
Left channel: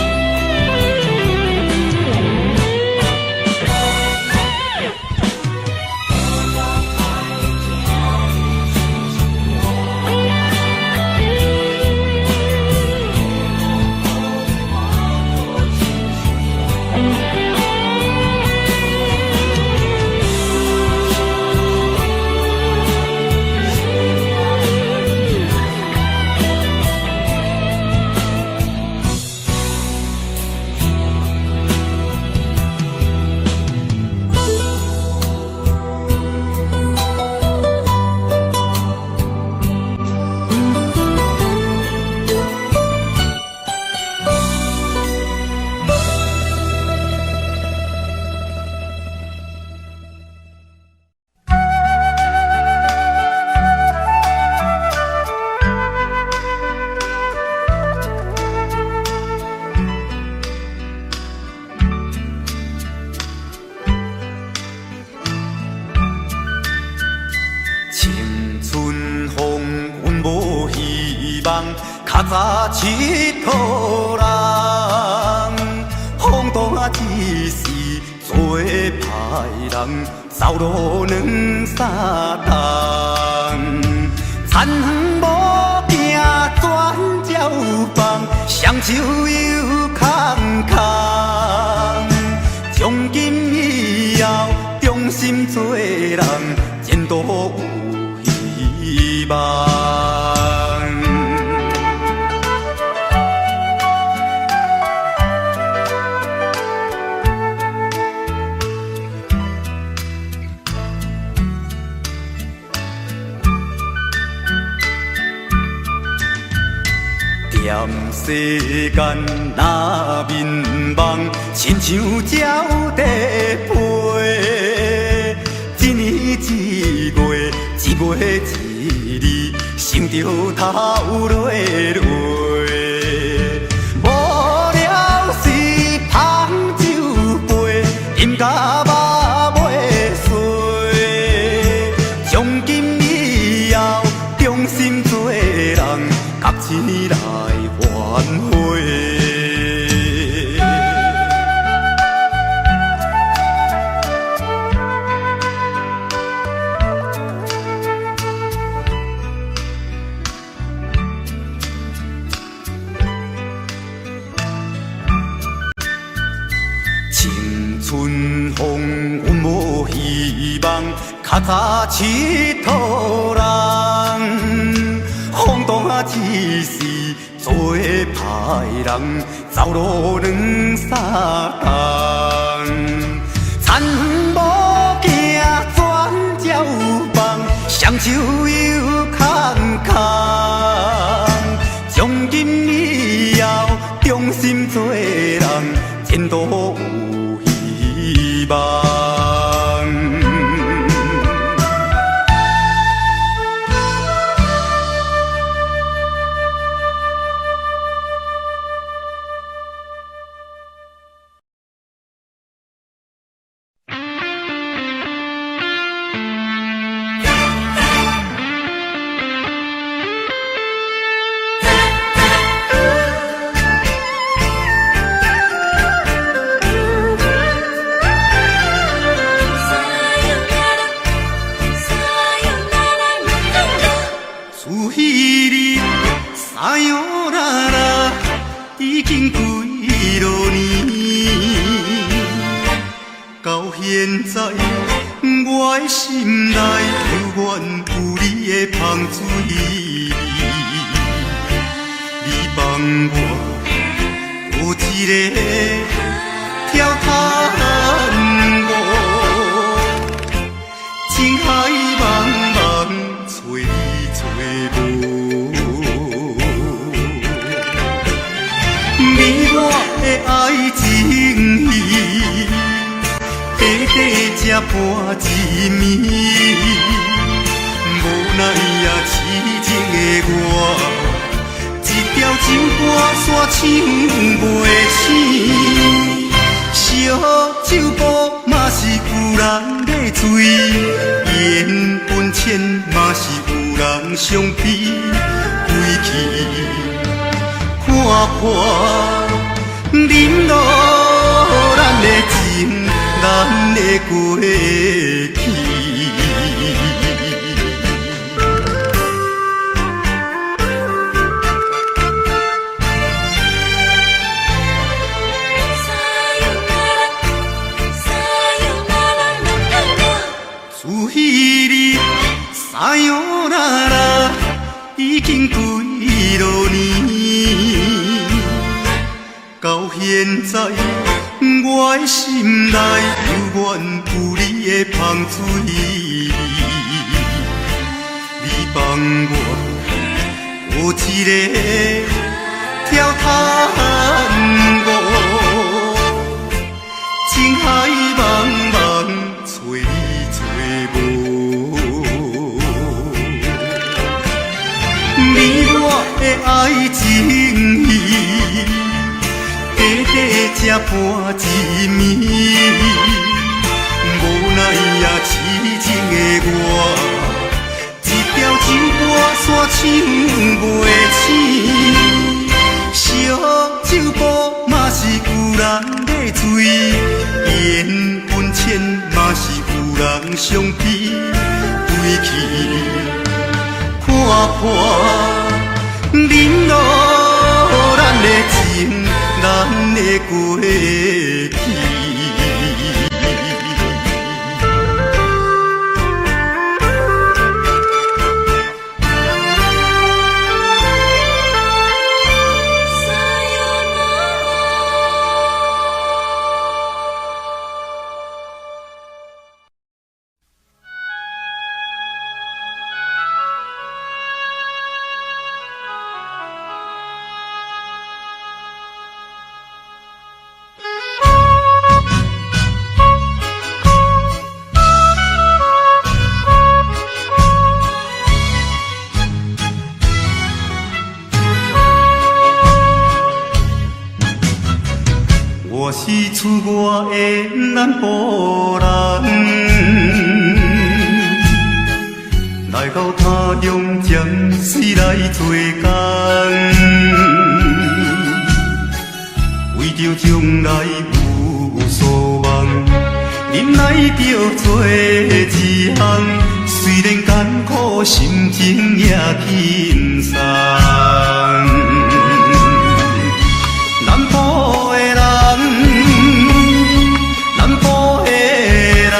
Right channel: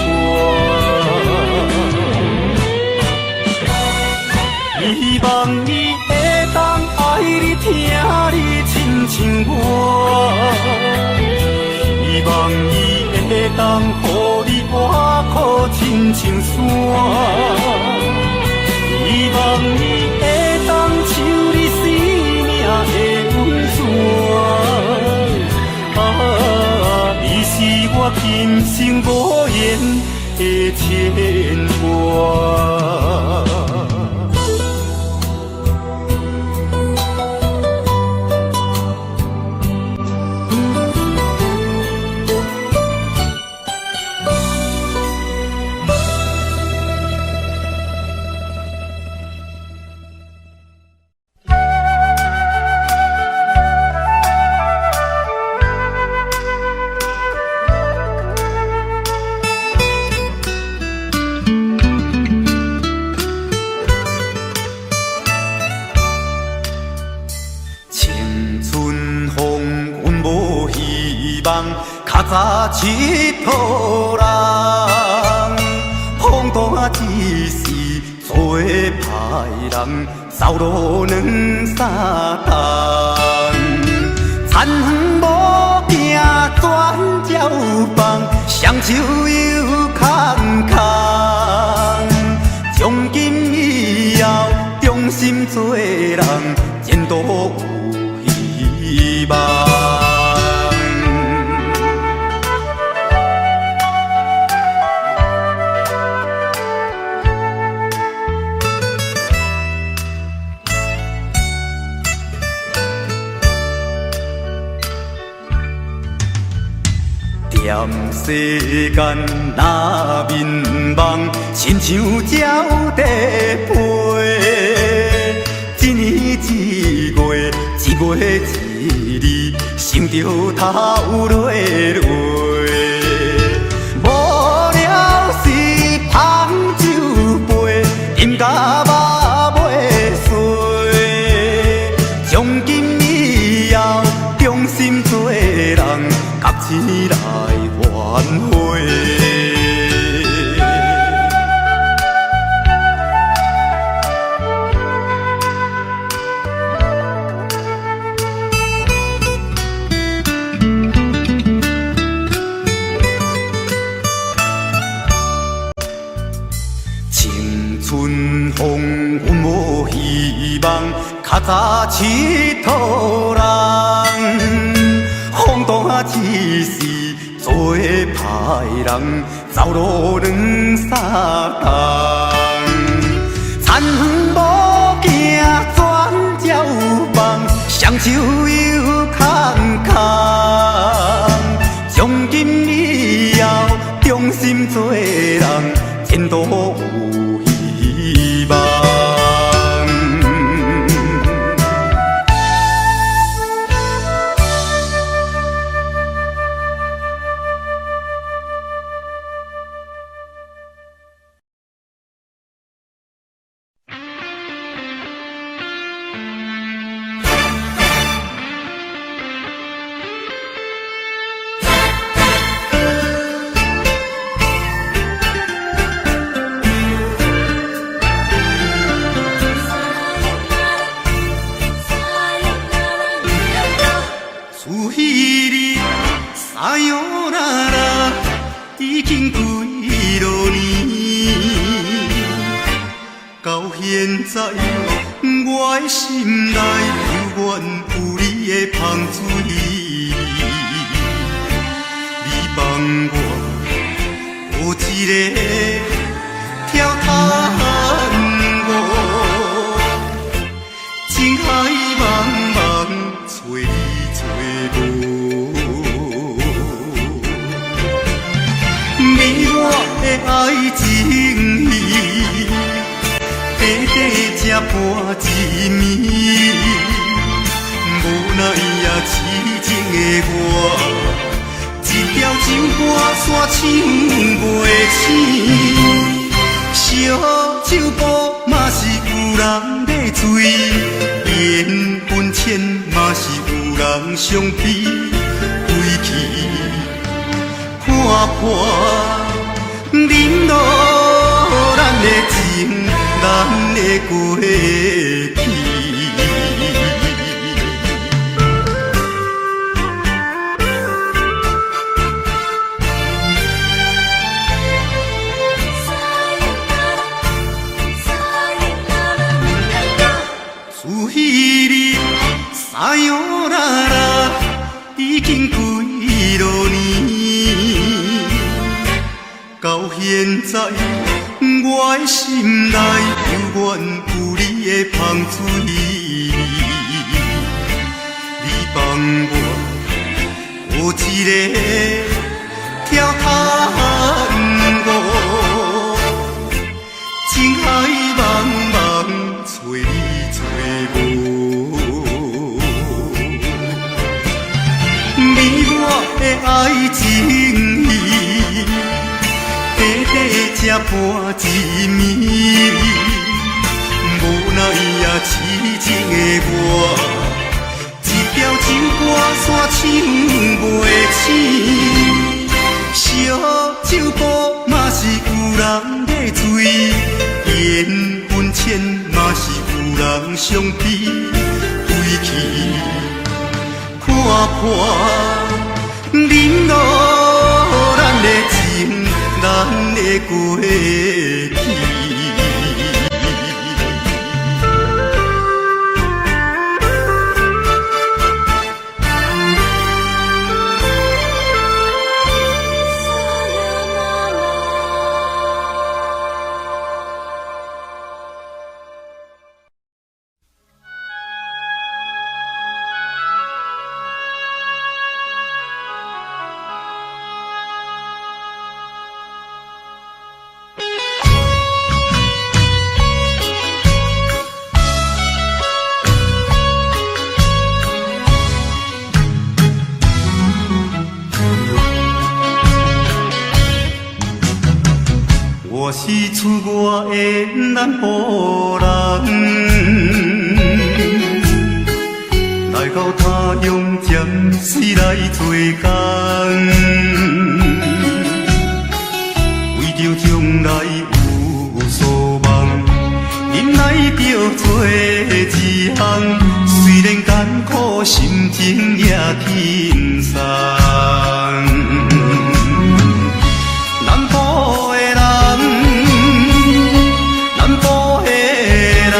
希望你会当爱你听你亲像我，希望你会当予你我靠亲像山，希望你会当像你生命的温泉，你是我今生无言的牵挂。青春风阮无希望，较早佚佗人，风大只是做歹人，走路两三冬，田园无行转照放，双手又空空，从今以后忠心做人，前途有希望。踮世间若迷茫，亲像鸟在飞，一年一月，一月一日，想着头落落。无聊时捧酒杯，饮甲肉袂碎。从今以后，忠心做人，甲钱来挽回。青春风阮无希望，较早佚佗人，风大只是做歹人，走路两三冬，田园无行转照放，双手又空空，从今以后忠心做人，前途有希望。哎呦啦啦，已经几落年，到现在我的心内犹原有你的香水味。你帮我有一个我，情海茫茫找你找无，美满的爱情戏，短短才半一暝，无奈也痴情的我。一条酒歌山唱袂醒，烧酒煲嘛是有人在醉，缘分浅嘛是有人相逼，归去看破，忍落咱的情，咱的过去。自彼日撒哟那拉，已经几落年。到现在，我的心内犹原有你的香水味。你帮我有一个跳探戈，情海茫茫找你。美满的爱情戏，短短才半一暝，无奈也痴情的我，一条酒歌山唱袂醒，烧酒煲嘛是有人在醉，缘分浅嘛是有人相逼，归去看破，忍落咱的情，咱的过去。我是出外的南部人，来到他乡将水来做工，为着将来有所望，忍耐着做一项，虽然艰苦，心情也轻松。南部的人，南部的人，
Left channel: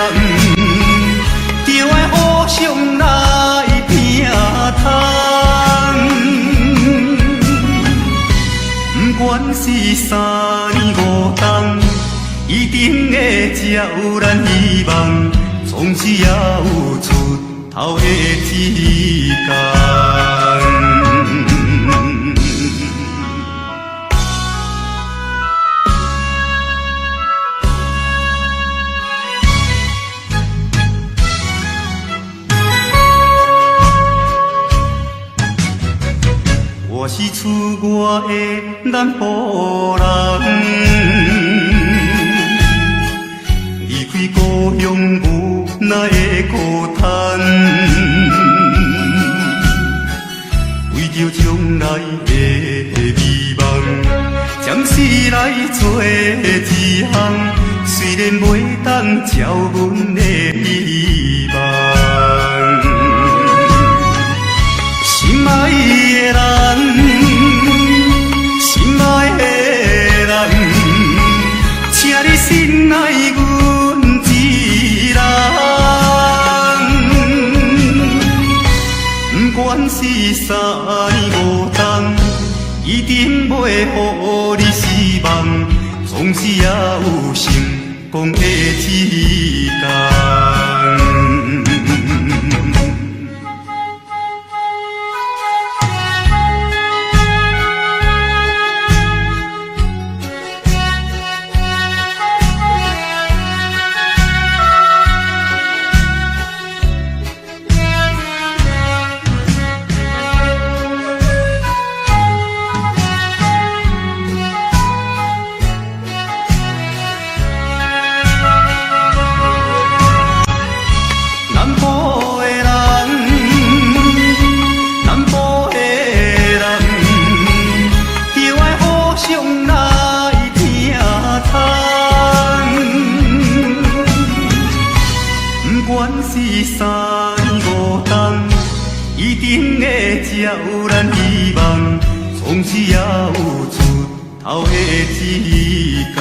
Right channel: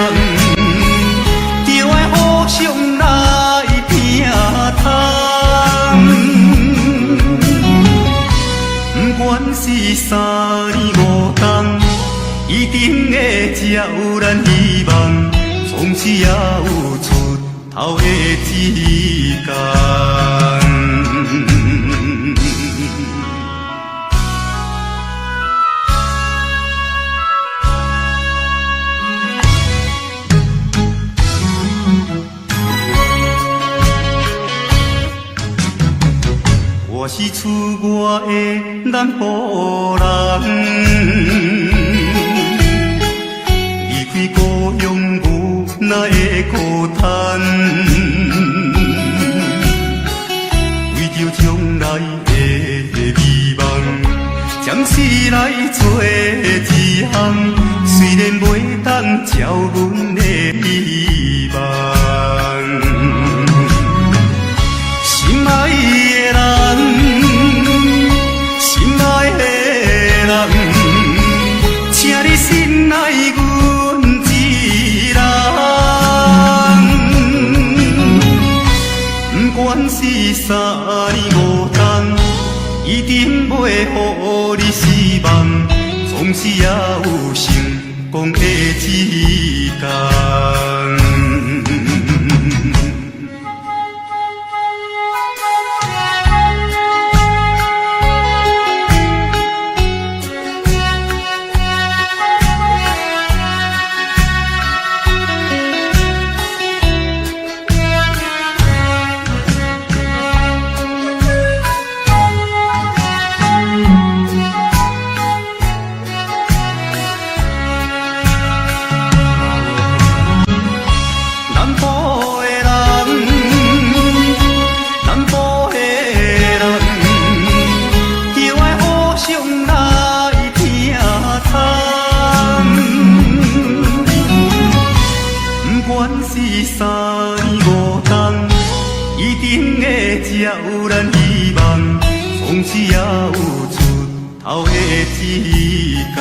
就爱互相来拼汤。不管是三年五冬，一定会才有咱希望，总是也有出头的一天。我是出外的南部人，离开故乡无奈的孤单，为着将来的美梦，将死来做一项，虽然袂当照阮的希望。心爱的人，心爱的人，请你心爱阮一人。不管是三年五冬，一定袂予你失望，总是也有成讲的时间。南部的人，南部的人，就爱互相来听叹。不管是三年五冬，一定会才有咱希望，总是也有出头的一天。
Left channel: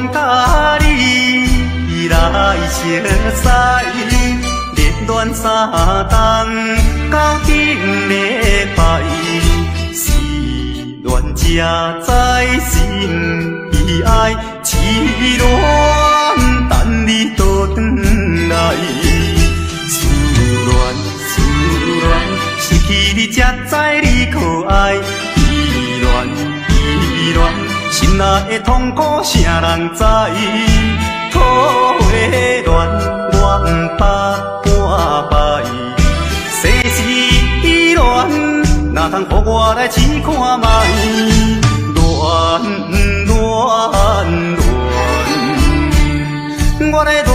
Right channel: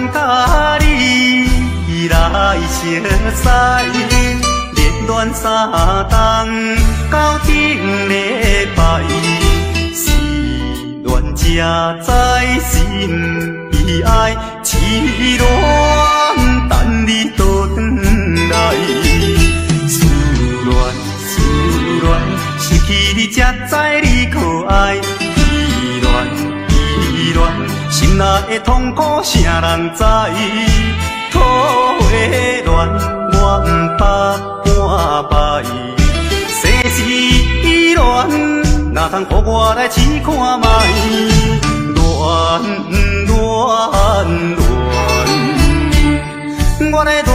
恋甲你来相识，热恋三冬到顶礼拜，是恋才知心悲哀，痴恋等你倒转来，思恋失去你才知你可爱，依恋心内的痛苦谁人知？土的恋我不怕半摆，世事恋哪通予我来试看觅？恋，我来恋，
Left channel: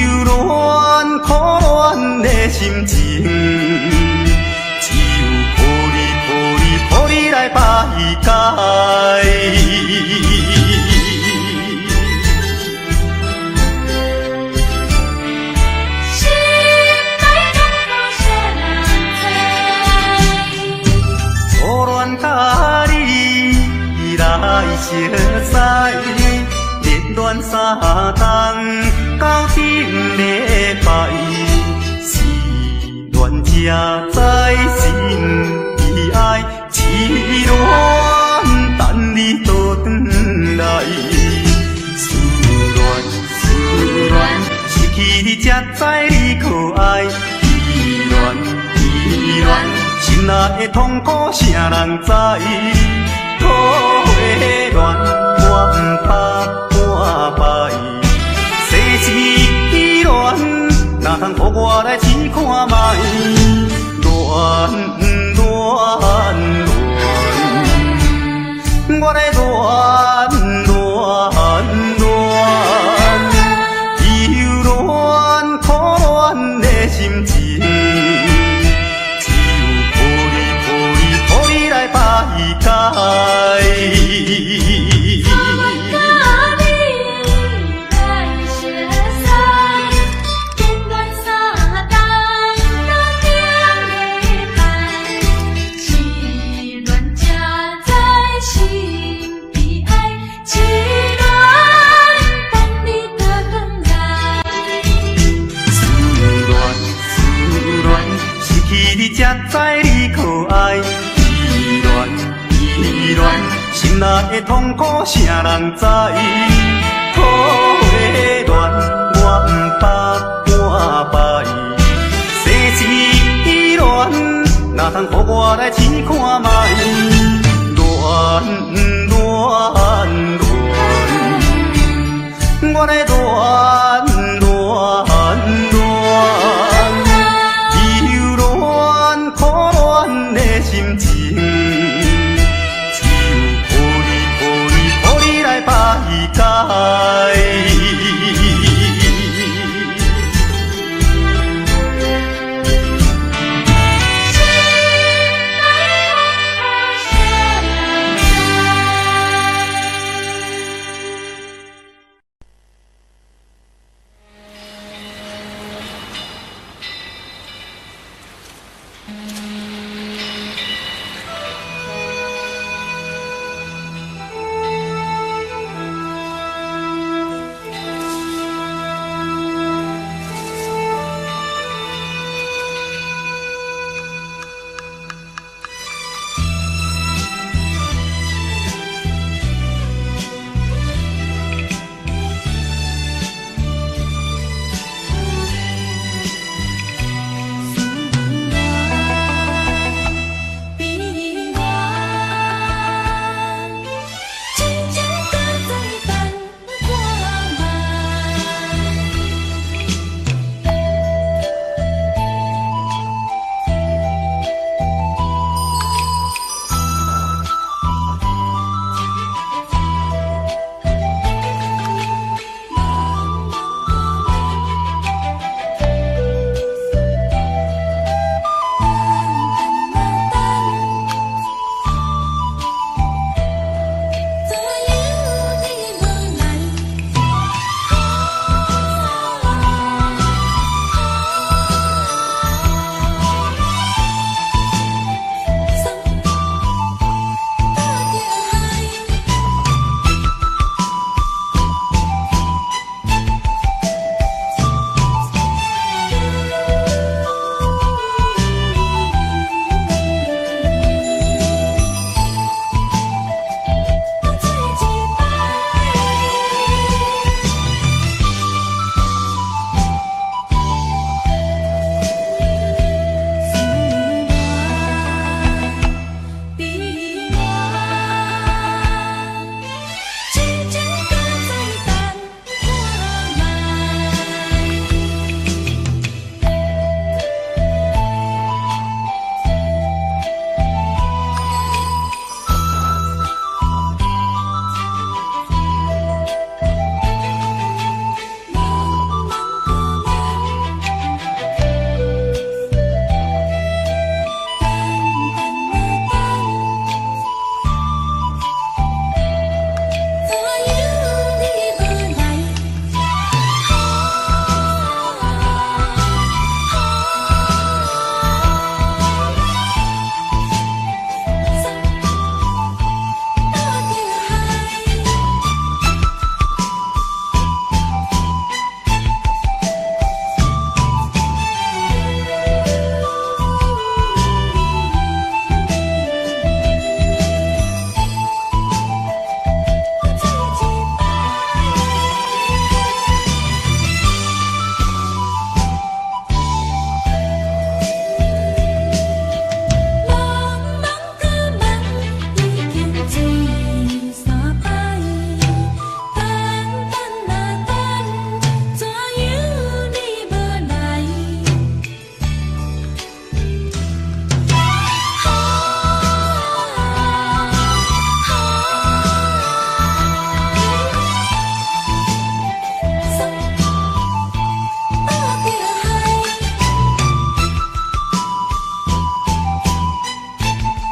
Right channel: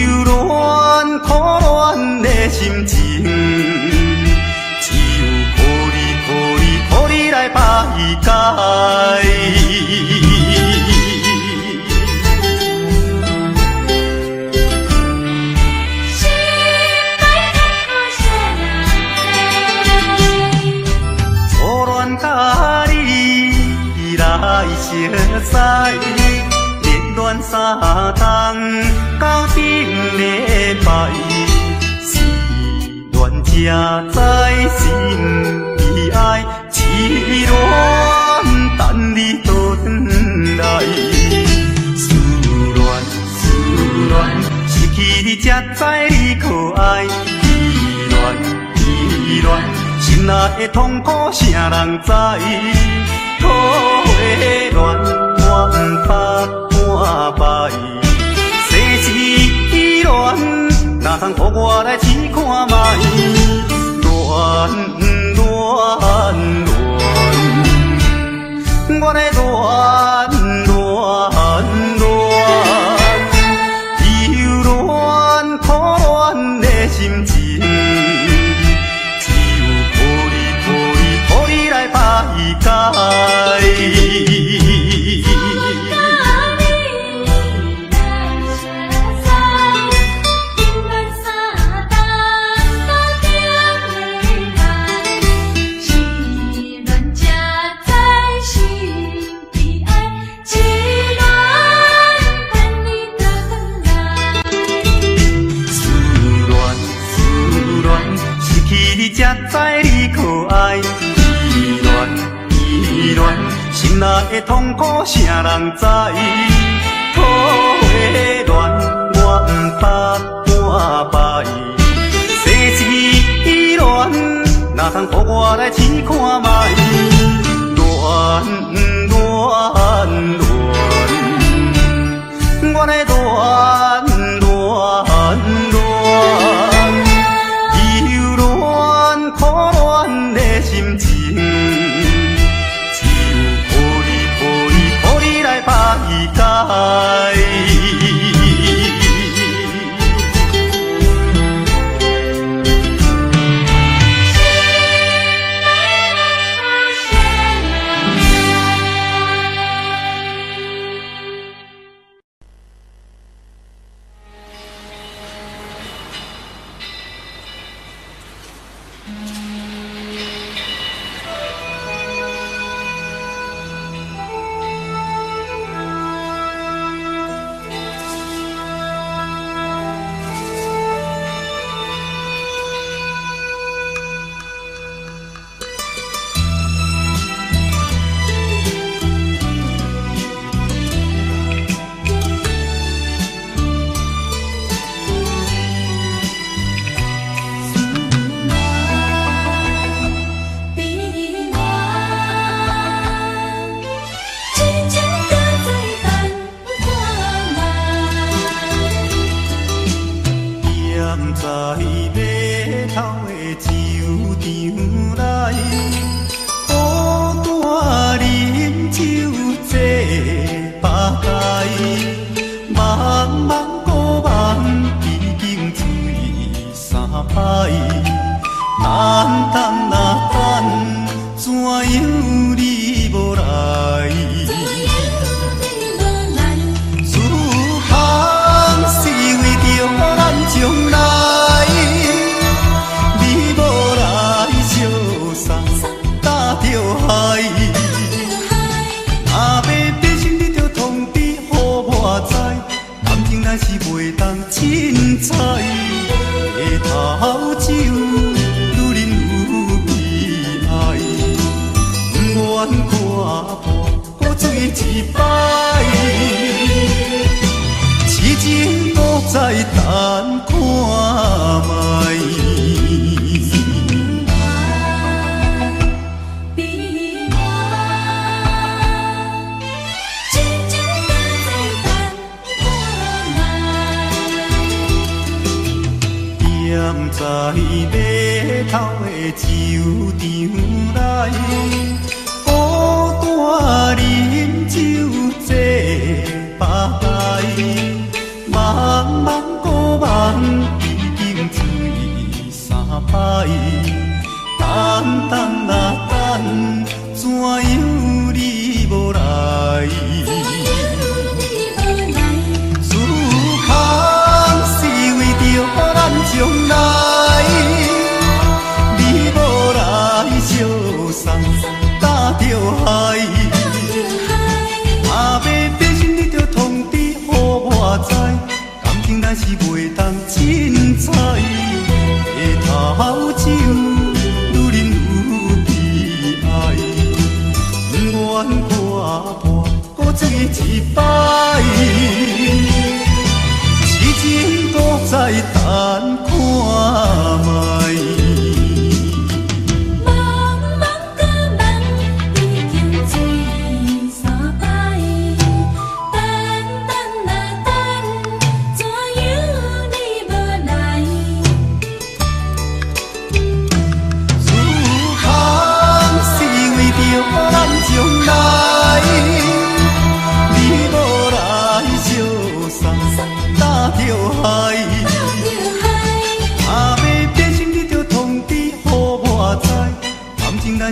忧恋苦恋的心情，只有抱你来排解。甲你来相识，热恋三冬到顶礼拜，是恋才知心悲哀，痴恋等你倒转来，思恋失去你才知你可爱，依恋。心内的痛苦谁人知？土的恋我不怕半摆，世事恋哪通予我来试看觅？恋，我来恋，忧恋苦恋的心情。来排解。思恋失去你才知你可爱。依恋，心内的痛苦谁人知？土的恋我不怕半摆，世事恋哪通予我来试看觅？恋，我来恋，忧恋苦恋的心情。来排解。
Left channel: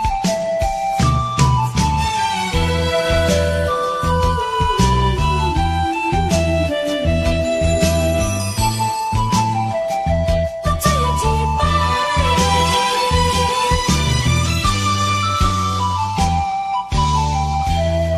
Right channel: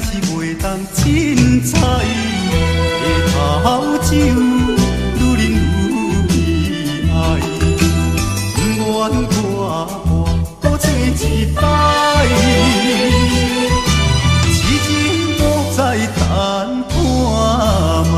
是袂当凊彩，下头酒愈啉愈悲哀，不愿看看，搁找一摆，痴情不再谈破卖。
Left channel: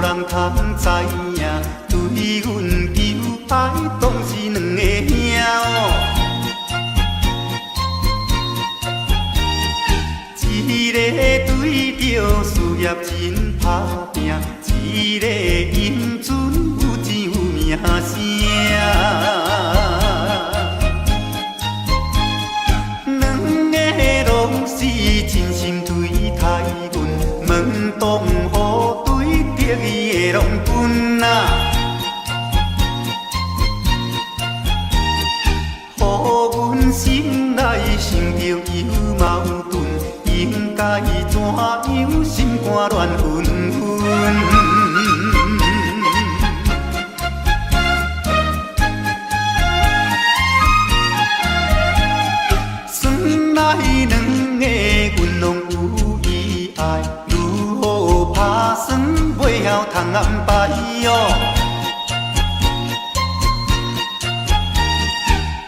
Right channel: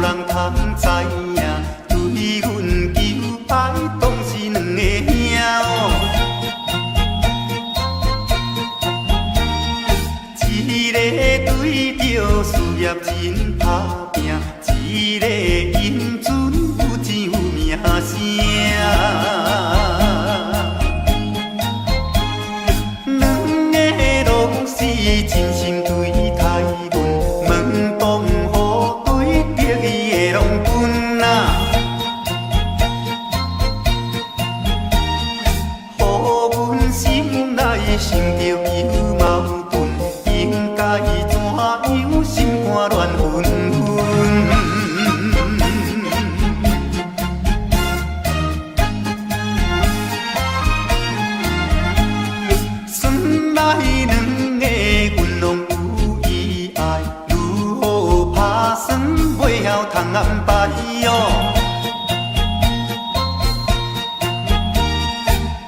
无人通知影，对阮求爱当是两个兄哦。一个对着事业真打拼，一个因准有钱有名声。两个拢是真心对待阮，门当户对得意的拢分啊。予阮心内想着有矛盾，应该怎样心肝乱纷纷？算来两个阮拢有意爱，如何打算袂晓通安排哦？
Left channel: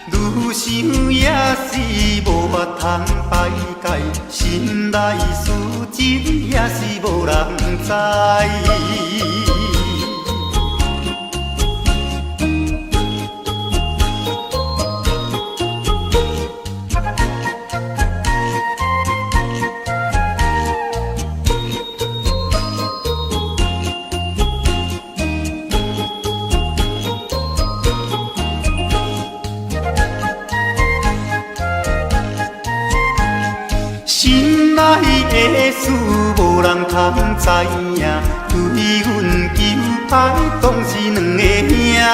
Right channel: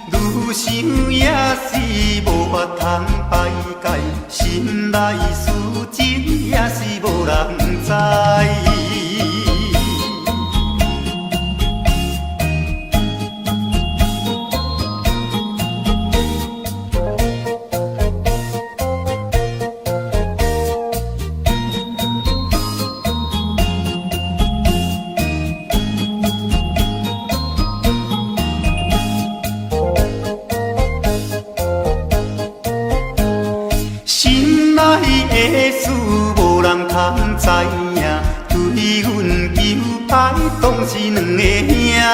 愈想也是无法通排解，心内事情也是无人知。心内的事无人通知影，对阮求爱当是两个兄哦。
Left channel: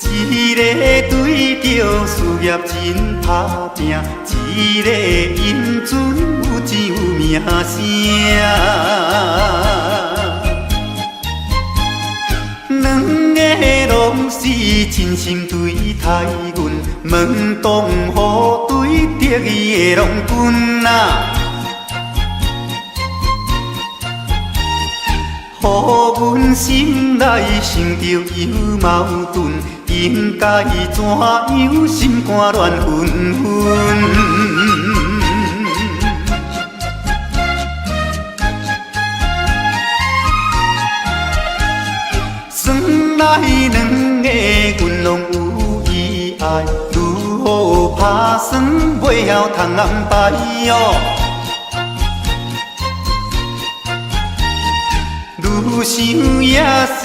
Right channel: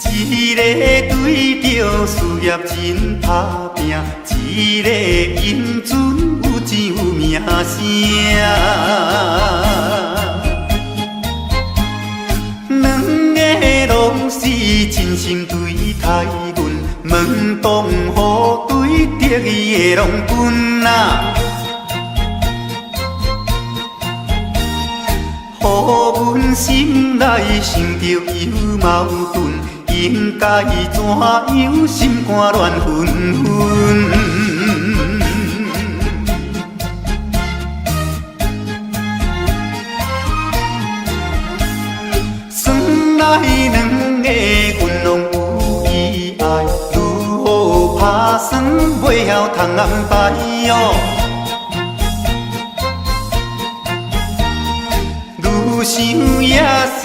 一个对着事业真打拼，一个因准有钱有名声。两个拢是真心对待阮，门当户对得意的拢分啊。予阮心内想着有矛盾，应该怎样心肝乱纷纷？算来两个阮拢有意爱，如何打算袂晓通安排哦？愈想也是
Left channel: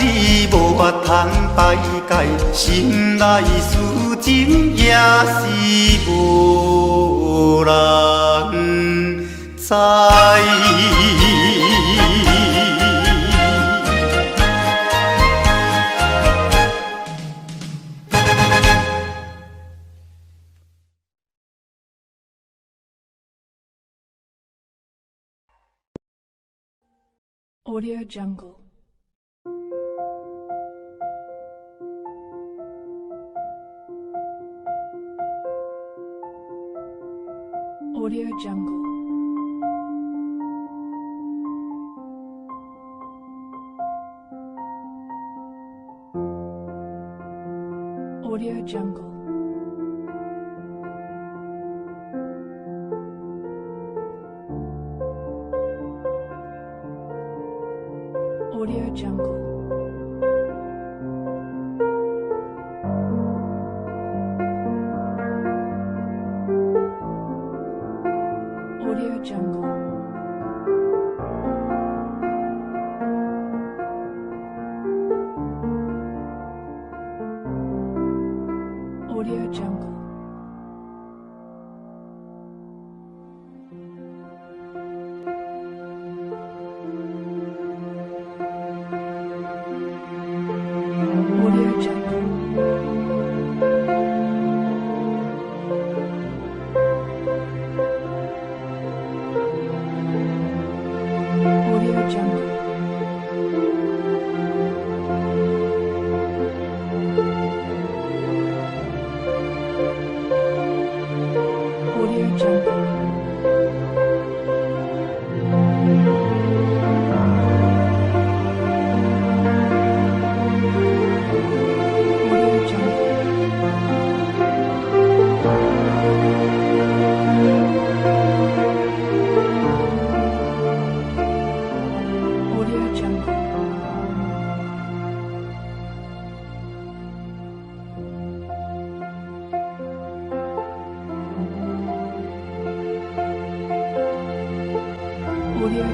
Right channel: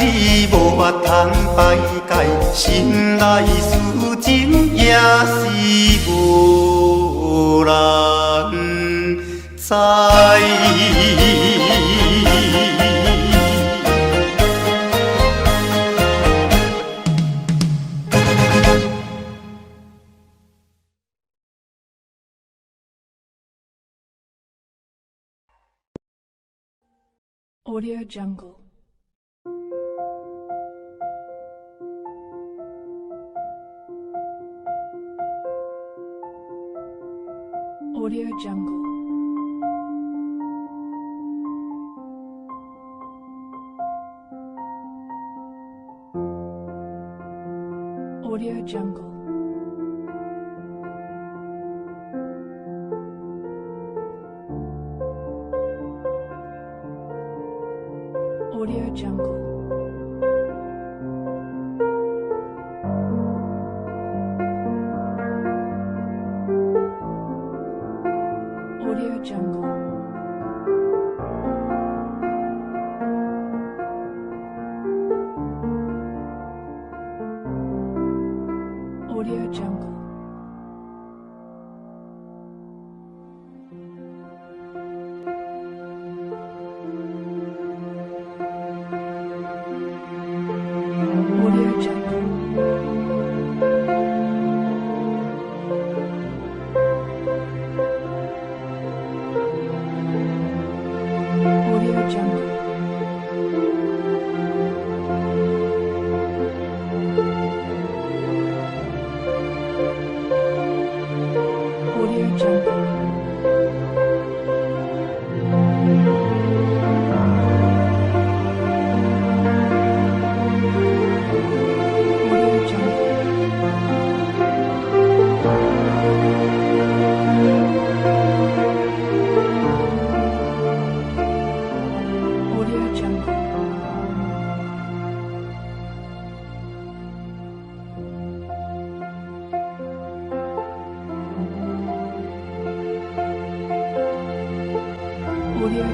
无法通排解，心内事情也是无人知。Audio Jungle. Audio Jungle. Audio Jungle. Audio Jungle. Audio Jungle. Audio Jungle. Audio Jungle. Audio Jungle.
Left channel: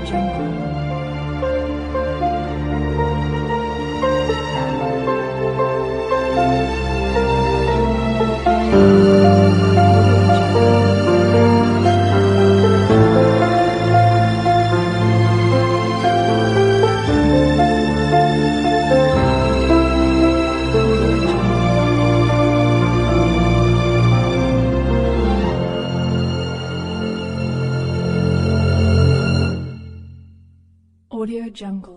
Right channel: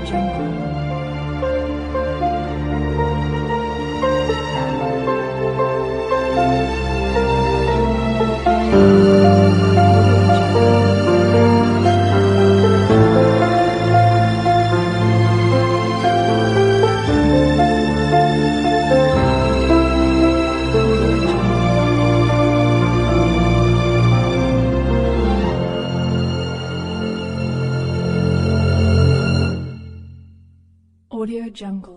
Jungle. Audio Jungle.